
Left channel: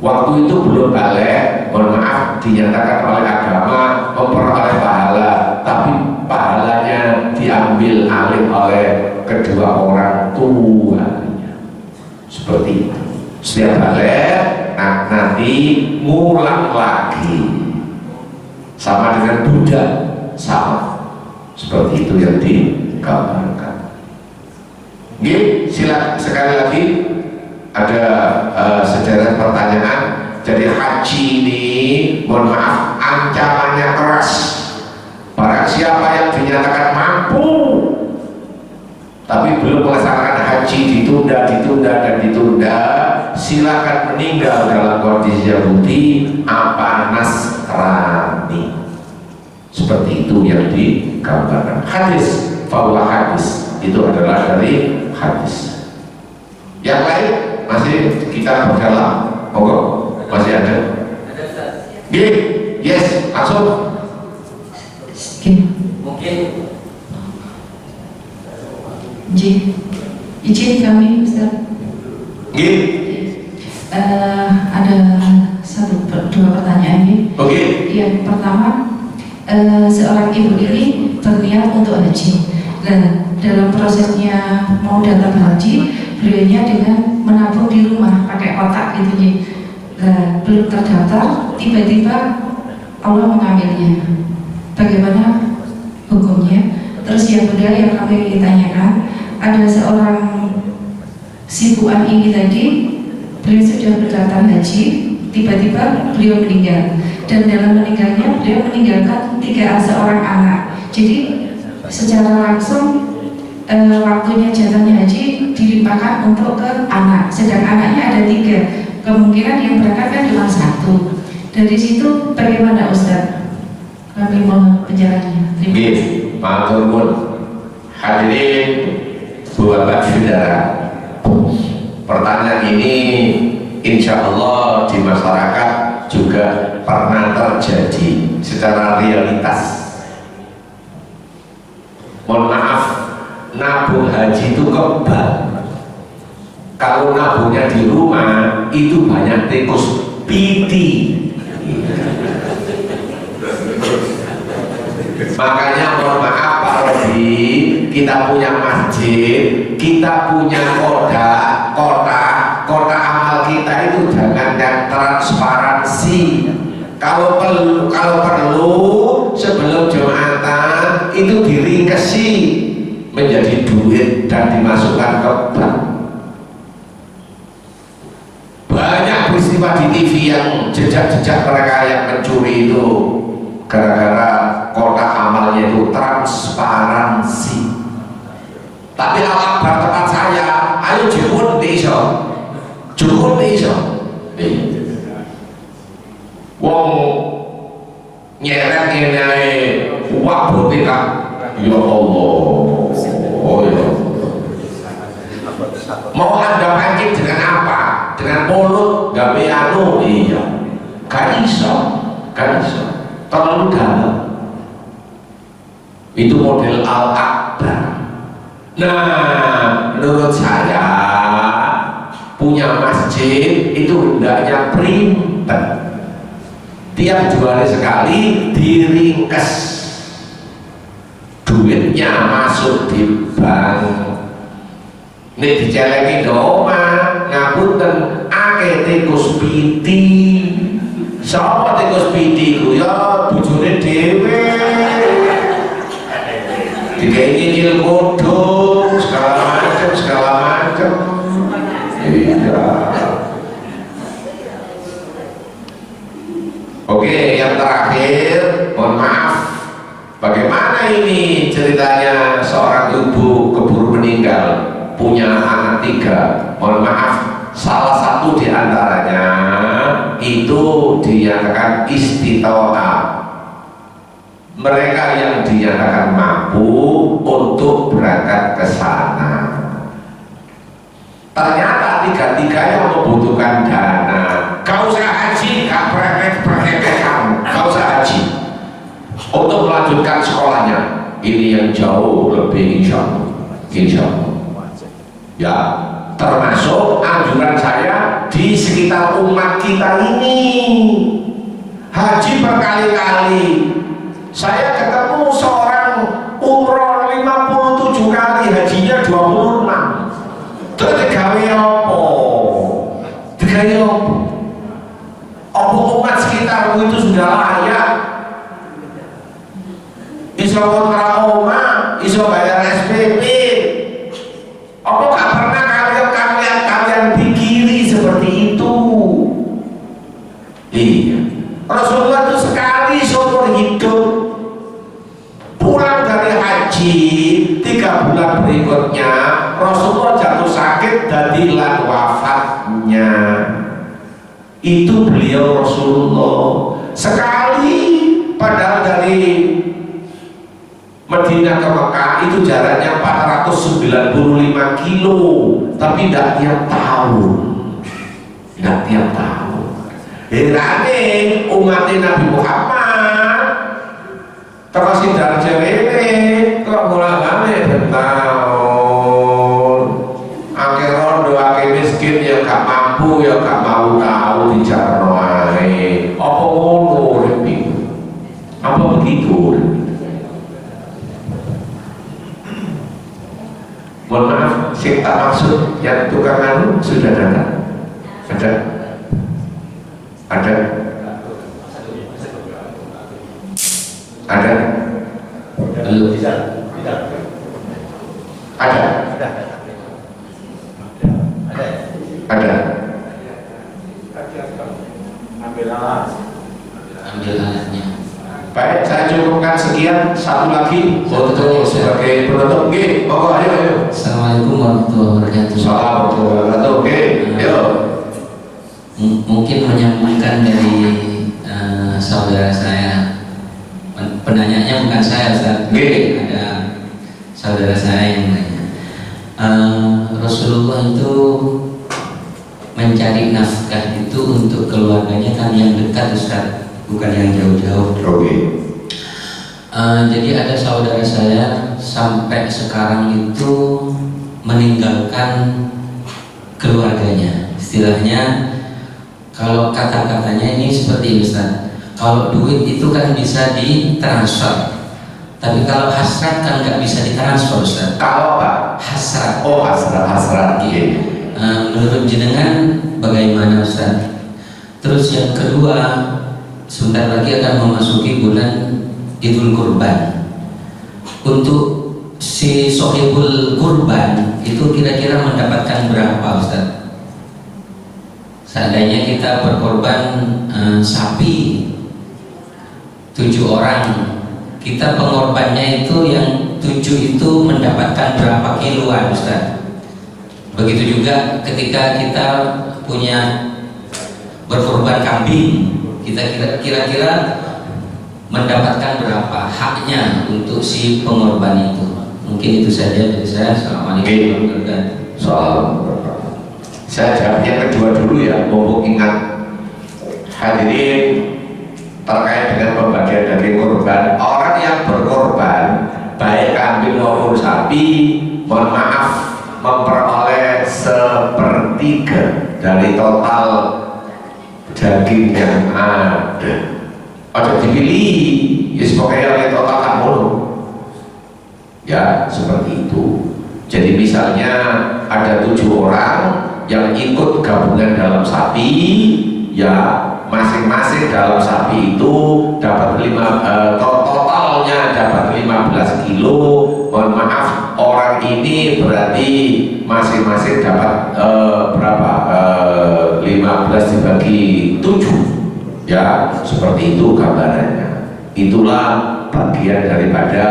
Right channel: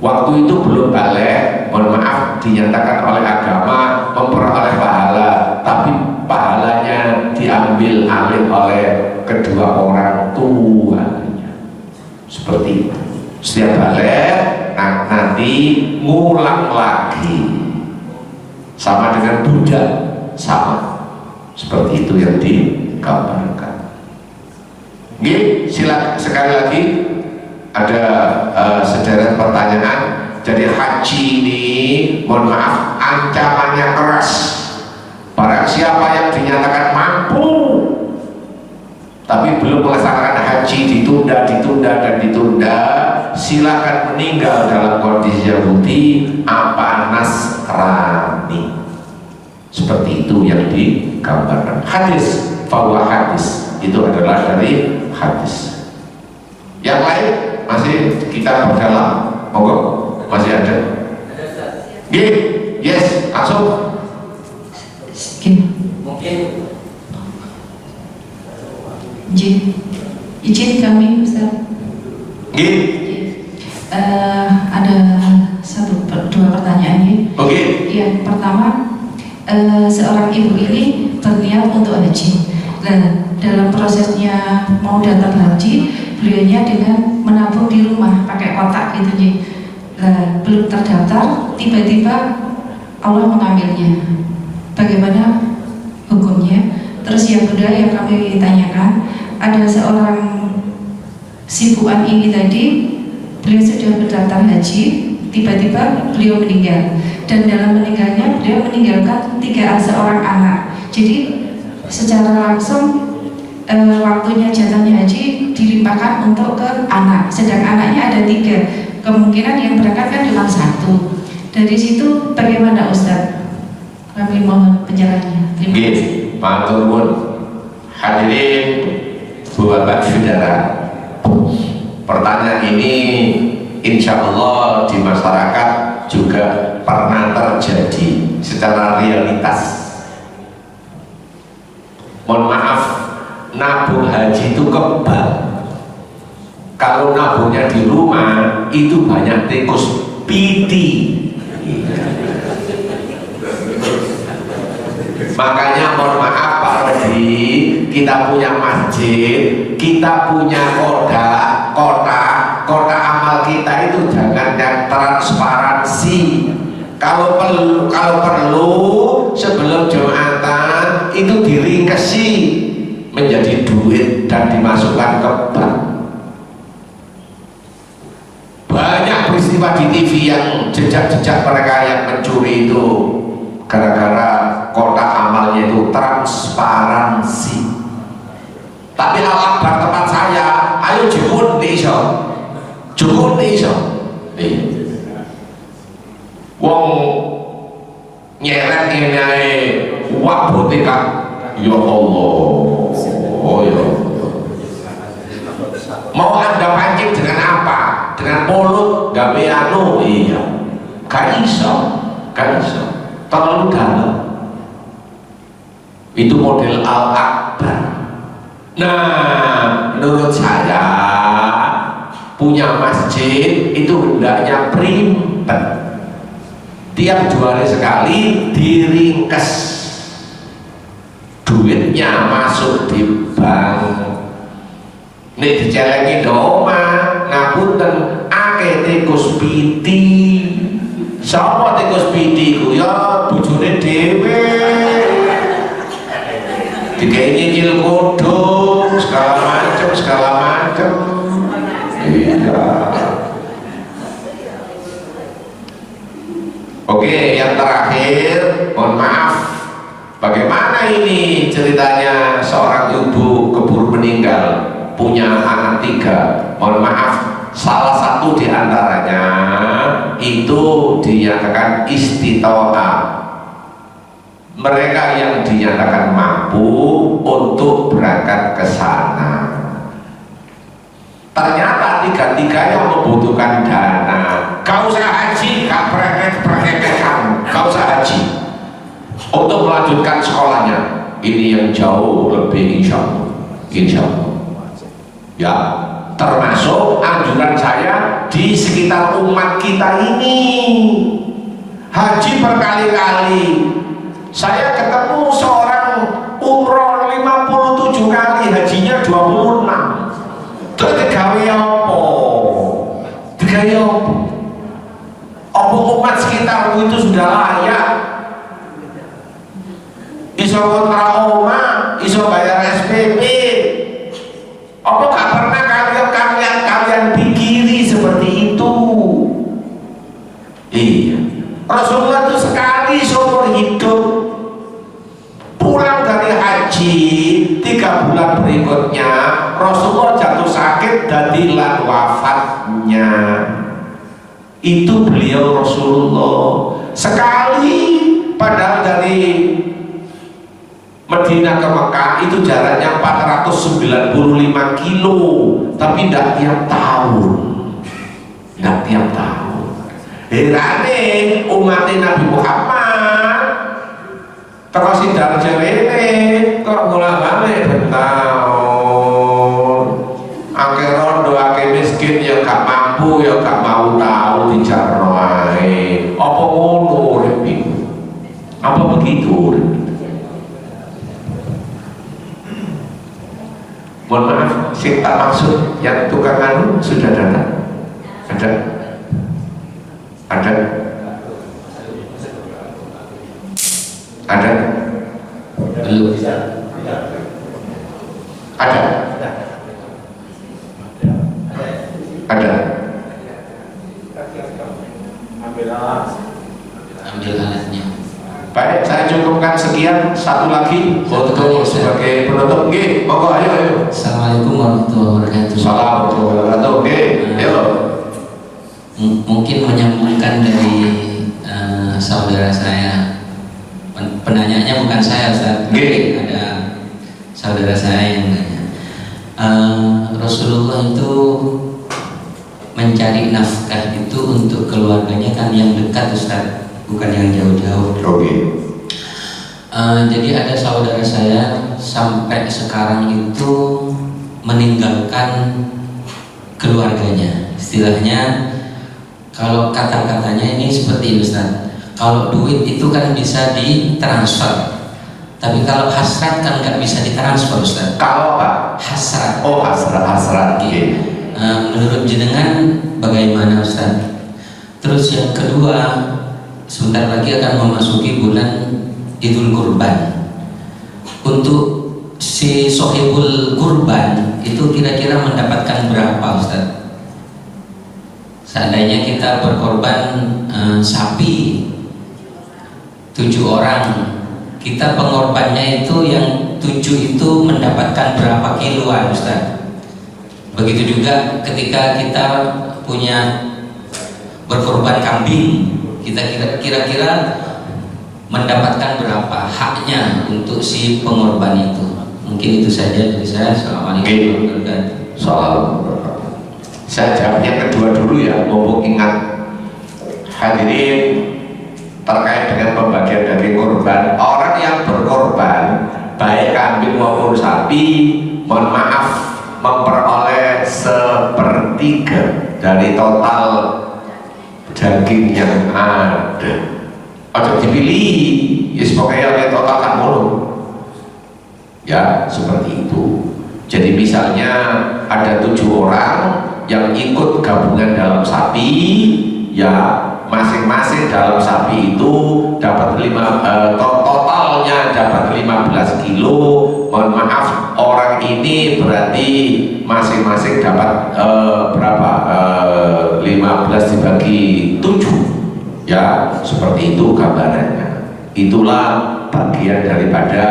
Waktu itu belum balik, mohon maaf, dinyatakan oleh agama memperoleh pahala, tapi pahalanya diambil alih oleh kedua orang tuanya. Seperti itu. Setiap balik, nanti ngulang lagi. Sama dengan budak, sama. Seperti itu yang digambarkan. Oke, silakan sekali lagi ada sederet pertanyaan. Jadi haji ini, mohon maaf, ancamannya keras. Barang siapa yang dinyatakan mampu tapi belum melaksanakan haji, ditunda, dan ditunda, silakan meninggal dalam kondisi Yahudi apa Nasrani. Seperti itu yang digambarkan. Hadis, bahwa hadis itu adalah dari hadis. Yang lain masih kita berdalam, monggo, masih ada. Yes, langsung. Mungkin izin kami Ustaz. Ada dua pertanyaan ini. Yang pertama, seorang ibu ini berniat untuk haji. Dan dalam prosesnya mau datang haji, beliaunya dengan menabung di rumah pakai kotak gitu ya. Belum terdaftar, tiba-tiba Allah mengambilnya. Bagaimana hukumnya? Terus yang kedua yang kami tanyakan, ada seorang si Bu An ini tadi, beliau sudah berdaftar haji, tiba-tiba beliau meninggal, dan dalam meninggalnya beliau meninggalkan seorang anak. Jadi secara langsung waktunya jatahnya haji dilimpahkan untuk ke anak, sedang anaknya ada 3, kemungkinan yang berangkat kan cuma 1. Dari situ bagaimana Ustaz? Kami mohon penjelasannya. Terima kasih. Matur nuwun. Hadirin Bapak Saudara, pertanyaan ini insya Allah di masyarakat juga pernah terjadi secara realitas. Mohon maaf, nabung haji itu kebal. Kalau nabungnya di rumah itu banyak tikus piti. Makanya mohon maaf Pak Rodi, kita punya masjid, kita punya kota amal kita itu jangan yang transparansi. Kalau perlu sebelum Jumatan itu diringkesi menjadi duit dan dimasukkan ke bank. Banyak peristiwa di TV yang jejak-jejak mereka yang mencuri itu gara-gara kotak amalnya itu transparansi. Tapi Al-Akbar tempat saya, ayo jukun iso. Wong nyeret ngene uang putih kan. Ya Allah. Oh ya. Mau Anda pancing dengan apa? Dengan mulut, gawe anu, iya. Gak iso. Terlalu dalam. Itu model Al-Akbar. Nah, menurut saya punya masjid itu hendaknya primbet. Tiap 2 hari sekali diringkes, duitnya masuk di bank. Nek dicelengi doma, ngapunten akeh tikus piti. Sapa tikus piti ku ya bojone dhewe. Digawe nyicil kodhong segala macam. Iya. punya anak 3, mohon maaf, salah satu di antaranya itu dinyatakan istitoah. Mereka yang dinyatakan mampu untuk berangkat ke sana. Ternyata 3-tiganya membutuhkan dana. Kau usah haji, kau praktek kamu. Kau usah haji untuk melanjutkan sekolahnya. Ini yang jauh lebih insya Allah. Ya, termasuk anjuran saya di sekitar umat kita ini. Haji berkali-kali. Saya ketemu seorang umroh 57 kali, hajinya 26. Terus digawe apa? Digawe apa? Apa umat sekitarmu itu sudah layak? Iso kontrak omah, iso bayar SPP. Apa gak pernah kalian pikiri seperti itu? Iya. Rasulullah itu sekali seumur hidup pulang dari haji 3 bulan berikutnya Rasulullah jatuh sakit dadilah wafatnya. Itu beliau Rasulullah sekali, padahal dari Madinah ke Mekah itu jaraknya 495 kilo, tapi tidak tiap tahun. Herane umat Nabi Muhammad terus dari cerene kok mulai bertahun akeh rondo akeh miskin ya gak mampu ya gak mau tahu dijarno ae. Apa ngono rek? Apa begitu? Mohon maaf, sing tak maksud yang tukang anu sudah datang? Ada? Belum. Ada. Ambil alatnya. Baik, saya cukupkan sekian. Satu lagi untuk sebagai penutup. Oke, monggo ayo. Assalamualaikum warahmatullahi wabarakatuh. Assalamualaikum warahmatullahi wabarakatuh. Ayo. Mungkin menyambungkan dari saudara saya. Penanyanya bukan saya, Ustaz. Ada saudara saya yang nanya. Rasulullah itu mencari nafkah itu untuk keluarganya kan yang dekat, Ustaz, bukan yang jauh-jauh. Jadi ada saudara saya sampai sekarang itu meninggalkan keluarganya. Istilahnya kalau kata-katanya ini seperti ini, Ustaz. Kalau duit itu kan bisa ditransfer, tapi kalau hasrat kan nggak bisa ditransfer, Ustaz. Kalau apa? Hasrat. Oh, hasrat. Iya. Menurut jenengan bagaimana, Ustaz? Terus yang kedua, sebentar lagi akan memasuki bulan Idul Kurban. Untuk si sohibul kurban itu kira-kira mendapatkan berapa, Ustaz? Seandainya kita berkorban sapi 7 orang, kita pengorbannya itu yang 7 itu mendapatkan berapa kiloan, Ustaz? Begitu juga ketika kita punya berkorban kambing, kita kira-kira mendapatkan berapa haknya untuk si pengorban itu. Mungkin itu saja dari saya. Assalamualaikum warahmatullahi wabarakatuh. Saya jawab yang kedua dulu ya, mumpung ingat. Hadirin, terkait dengan pembagian daging kurban, orang yang berkorban baik kambing maupun sapi, mohon maaf, memperoleh 1/3 dari total daging yang ada. Ojo dipilih, ya pokoknya yang total kan mulu. Ya seperti itu. Jadi misalnya ada 7 orang yang ikut gabungan dalam sapi, ya masing-masing dalam sapi itu dapat totalnya dapat 15 kilo. Mohon maaf, orang ini berarti masing-masing dapat berapa? 15 dibagi 7, ya seperti itu gambarannya. Itulah bagian daripada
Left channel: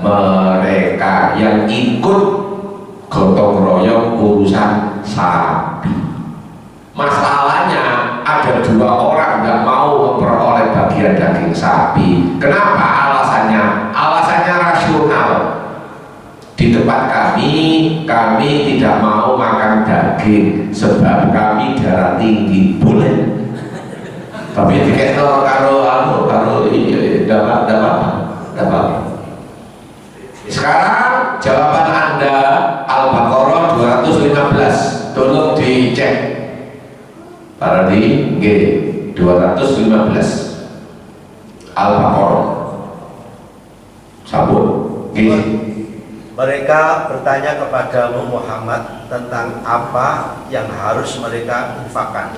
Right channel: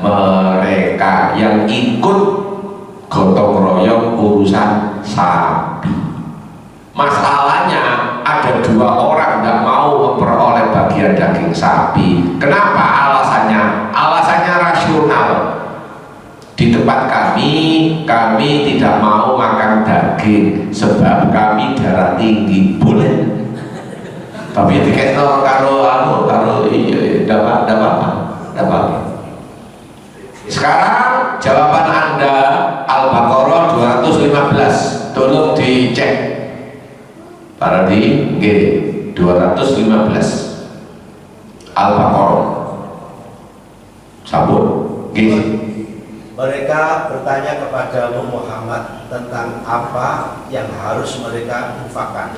mereka yang ikut gotong royong sapi. Masalahnya ada 2 orang tidak mau memperoleh bagian daging sapi. Kenapa alasannya? Alasannya rasional. Di tempat kami tidak mau makan daging sebab kami darah tinggi. Boleh. Tapi diketno karo dapat. Sekarang jawaban Anda Al-Baqarah 215. Tolong dicek. Para di G 215 Al-Baqarah. Sabun G. Mereka bertanya kepadamu Muhammad tentang apa yang harus mereka infakkan.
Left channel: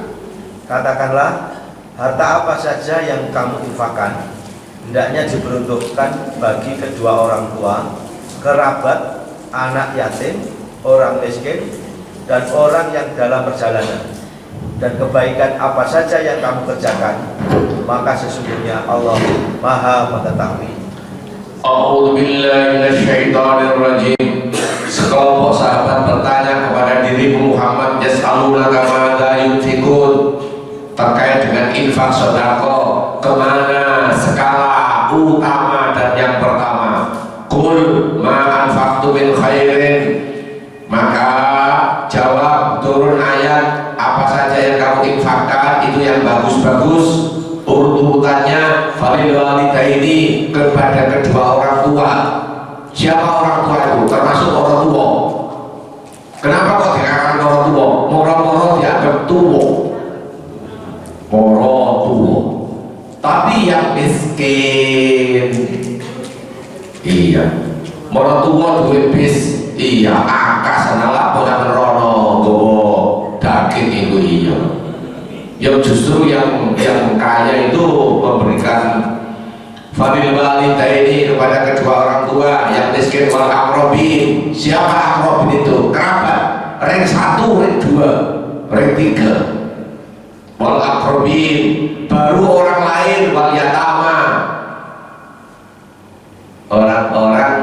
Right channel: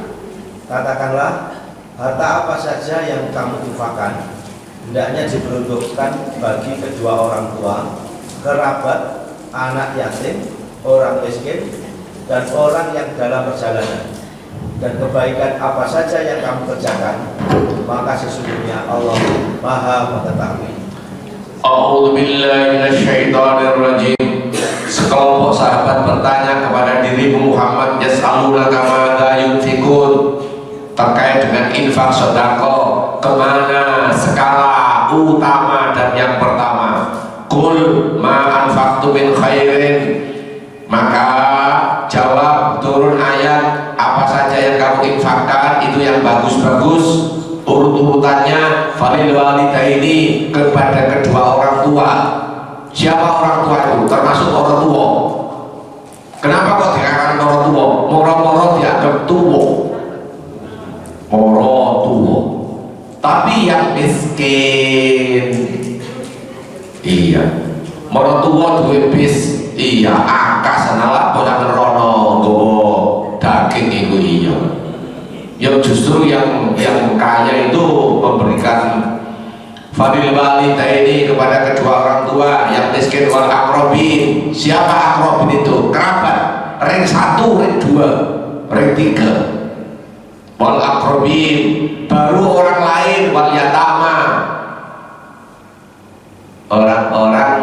Katakanlah, harta apa saja yang kamu infakkan hendaknya diperuntukkan bagi kedua orang tua, kerabat, anak yatim, orang miskin, dan orang yang dalam perjalanan. Dan kebaikan apa saja yang kamu kerjakan, maka sesungguhnya Allah Maha Mengetahui. A'udzu billahi minasyaitonir rajim. Sekelompok sahabat bertanya kepada dirimu Muhammad, yas'alunaka madza yunfikun, terkait dengan infak sedekah, kemana skala utama dan yang pertama. Qul ma anfaqtu min khairin, maka jawab turun ayat, apa saja yang kamu infakkan itu yang bagus-bagus, urut-urutannya falil walidaini, kepada kedua orang tua. Siapa orang tua itu? Termasuk orang tua. Kenapa kok dikatakan orang tua? Moro-moro dianggap tua. Moro tua. Tapi yang miskin, iya. Moro tua duwe bis, iya. Angka senalah punya merono gowo daging itu, iya. Yang justru yang kaya itu memberikan fadil walidaini kepada kedua orang tua, yang miskin wal aqrabin. Siapa aqrabin itu? Kerabat. Ring 1, ring 2, ring 3. Wal aqrabin, baru orang lain, wal yatama, orang-orang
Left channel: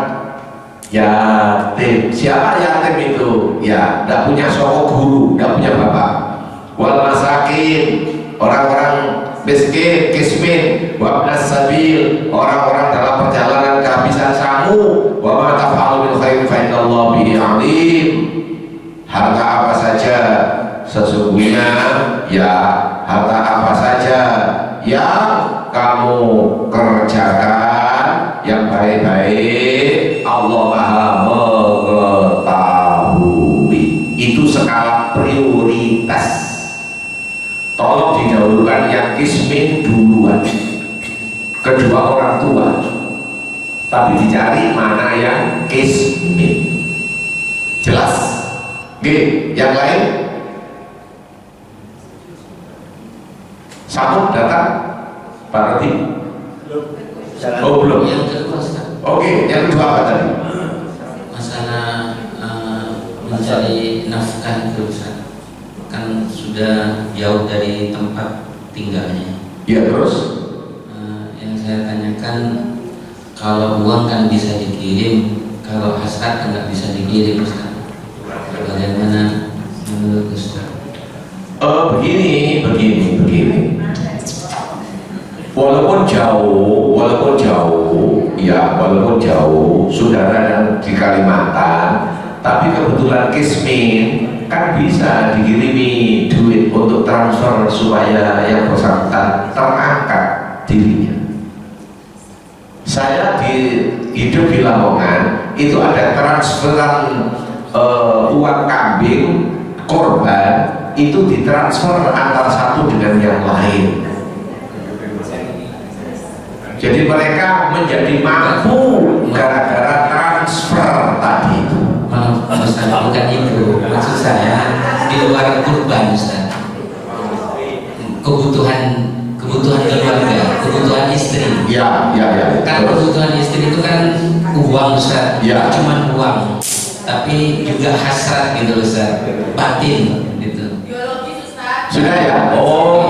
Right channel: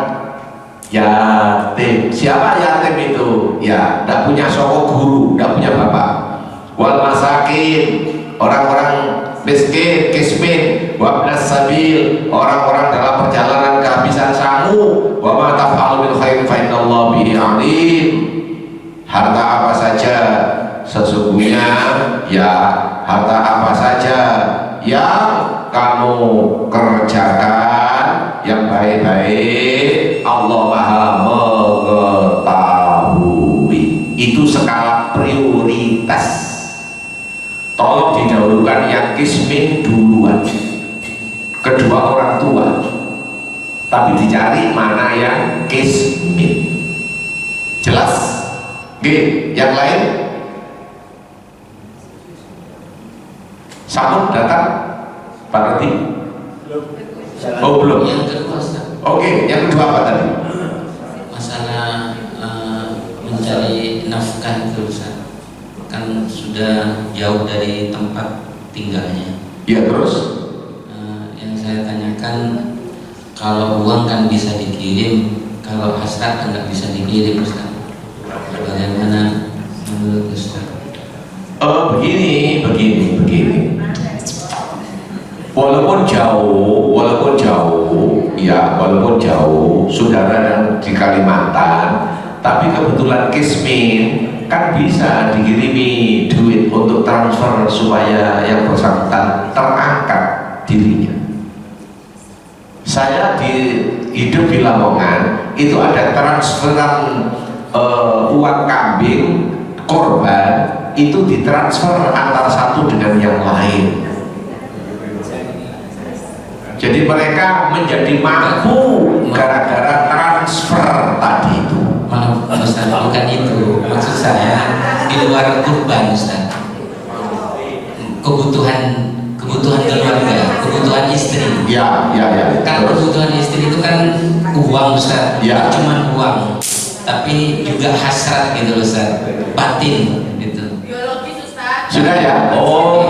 yatim. Siapa yatim itu? Ya, tidak punya soko guru, tidak punya bapak. Wal masakin, orang-orang miskin, kismin, wabnas sabil, orang-orang dalam perjalanan kehabisan samu. Wa ma taf'alu min khairin fa innallaha bihi alim. Harta apa saja sesungguhnya, ya harta apa saja yang kamu kerjakan yang baik-baik, Allah Maha Mengetahui. Itu skala prioritas. Tolong didahulukan yang kismin duluan, kedua orang tua, tapi dicari mana yang kismin. Jelas? G. Yang lain? Samun datang? Pak Roti? Oh belum. Yang kedua, Oke, yang kedua apa tadi? masalah mencari nafkah itu, Ustaz. Kan sudah jauh dari tempat tinggalnya. Ya, terus? Yang saya tanyakan, kalau uang kan bisa dikirim, kalau hasrat kan nggak bisa dikirim, Ustaz. Bagaimana menurut Ustaz? Begini. Walaupun jauh, saudara yang di Kalimantan, tapi kebetulan kismin, kan bisa dikirimi duit untuk transfer supaya yang bersangkutan terangkat dirinya. Saya hidup di Lamongan, itu ada transferan uang kambing korban, itu ditransfer antara satu dengan yang lain. Jadi mereka menjadi mampu gara-gara transfer tadi itu. Maaf Ustaz, bukan itu. Maksud saya di luar kurban, Ustaz. Kebutuhan keluarga, kebutuhan istri. Ya. Kan kebutuhan istri itu kan uang, Ustaz. Ya. Cuma uang, tapi juga hasrat gitu, Ustaz. Batin gitu. Biologis, Ustaz. Sudah ya? Oh,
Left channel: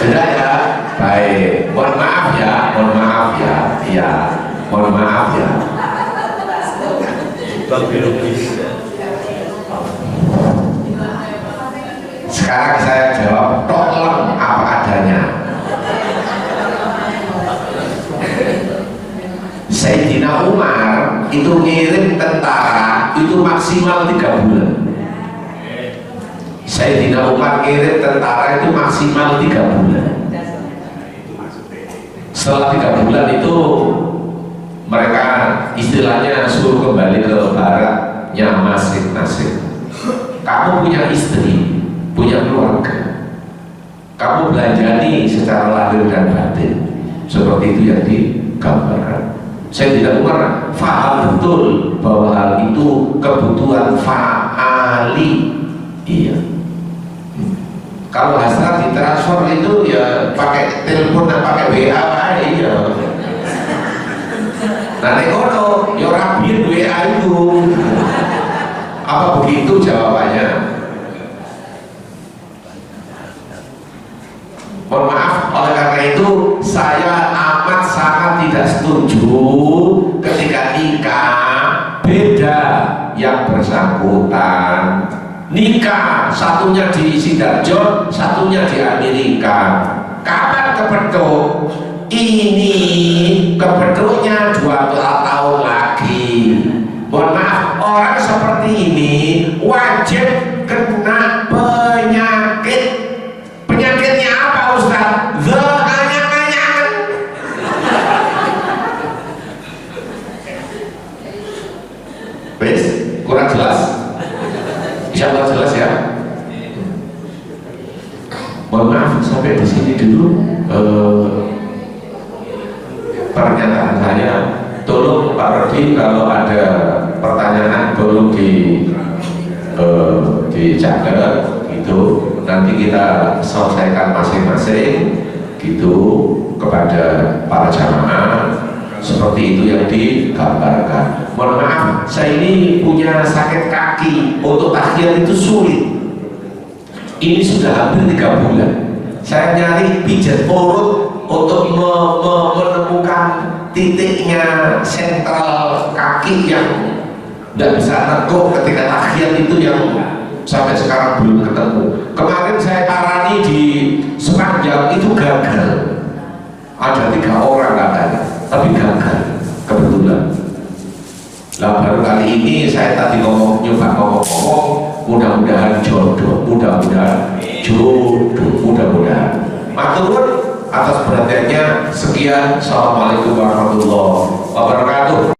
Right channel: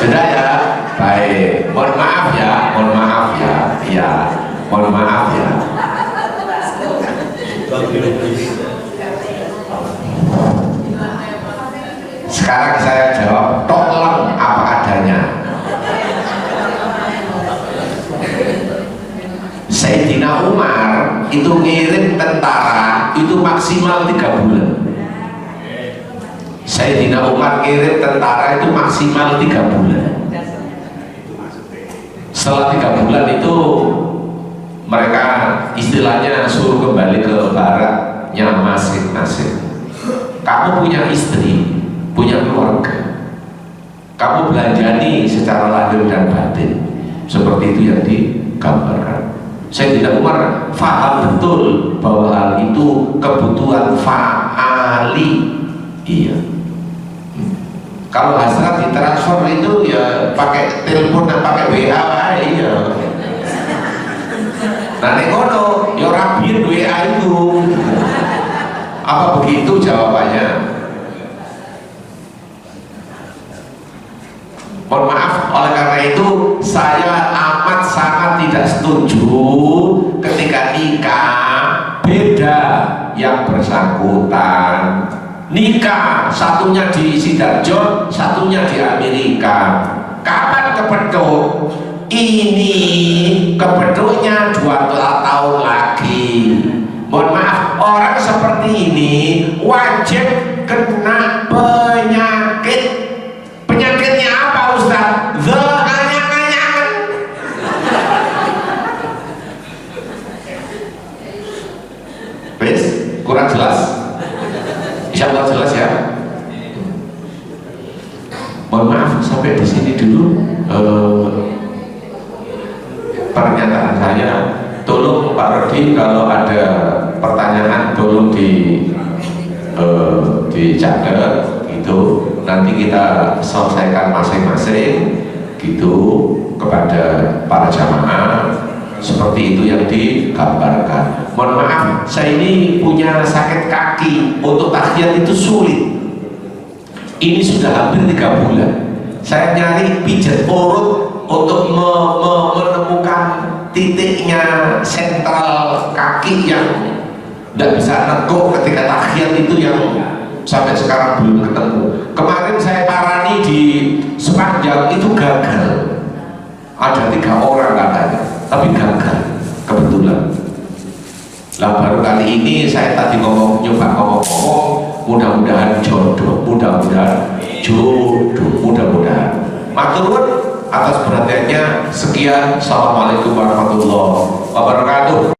sudah ya. Baik, mohon maaf ya. Iya, mohon maaf ya. Sekarang saya jawab tolong apa adanya. Sayyidina Umar itu ngirim tentara itu maksimal 3 bulan. Sayyidina Umar ngirim tentara itu maksimal 3 bulan. Setelah 3 bulan itu mereka istilahnya suruh kembali ke baraknya masing-masing. Kamu punya istri, punya keluarga, kamu belanjani secara lahir dan batin, seperti itu yang digambarkan. Sayyidina Umar faham betul bahwa hal itu kebutuhan fa'ali. Iya. Kalau hasrat ditransfer itu ya pakai telepon dan pakai WA, iya. Nah, nekono, ya rabiin WA itu. Apa begitu jawabannya? Mohon maaf, oleh karena itu saya amat sangat tidak setuju ketika nikah beda yang bersangkutan. Nikah satunya di Sidoarjo, satunya di Amerika. Kapan kepeduk? Ini kepeduknya 2 tahun lagi. Mohon maaf, orang seperti ini wajib kena penyakit. Penyakitnya apa, Ustaz? Anyak-anyakan. Wes, kurang jelas? Insya Allah jelas ya. Mohon maaf sampai di sini dulu pernyataan saya. Tolong Pak Rodi kalau ada pertanyaan tolong dicatat gitu. Nanti kita selesaikan masing-masing gitu kepada para jamaah seperti itu yang digambarkan. Mohon maaf, saya ini punya sakit kaki, untuk tahiyat itu sulit. Ini sudah hampir 3 bulan. Saya nyari pijat urut untuk menemukan titiknya sentral kaki yang tidak bisa nekuk ketika tahiyat itu yang sampai sekarang belum ketemu. Kemarin saya parani di Sepanjang itu gagal. Ada 3 orang katanya, tapi gagal kebetulan. Lah baru kali ini saya tadi nyoba ngomong, mudah-mudahan jodoh, mudah-mudahan jodoh, mudah-mudahan. Matur atas perhatiannya. Sekian, assalamualaikum warahmatullahi wabarakatuh.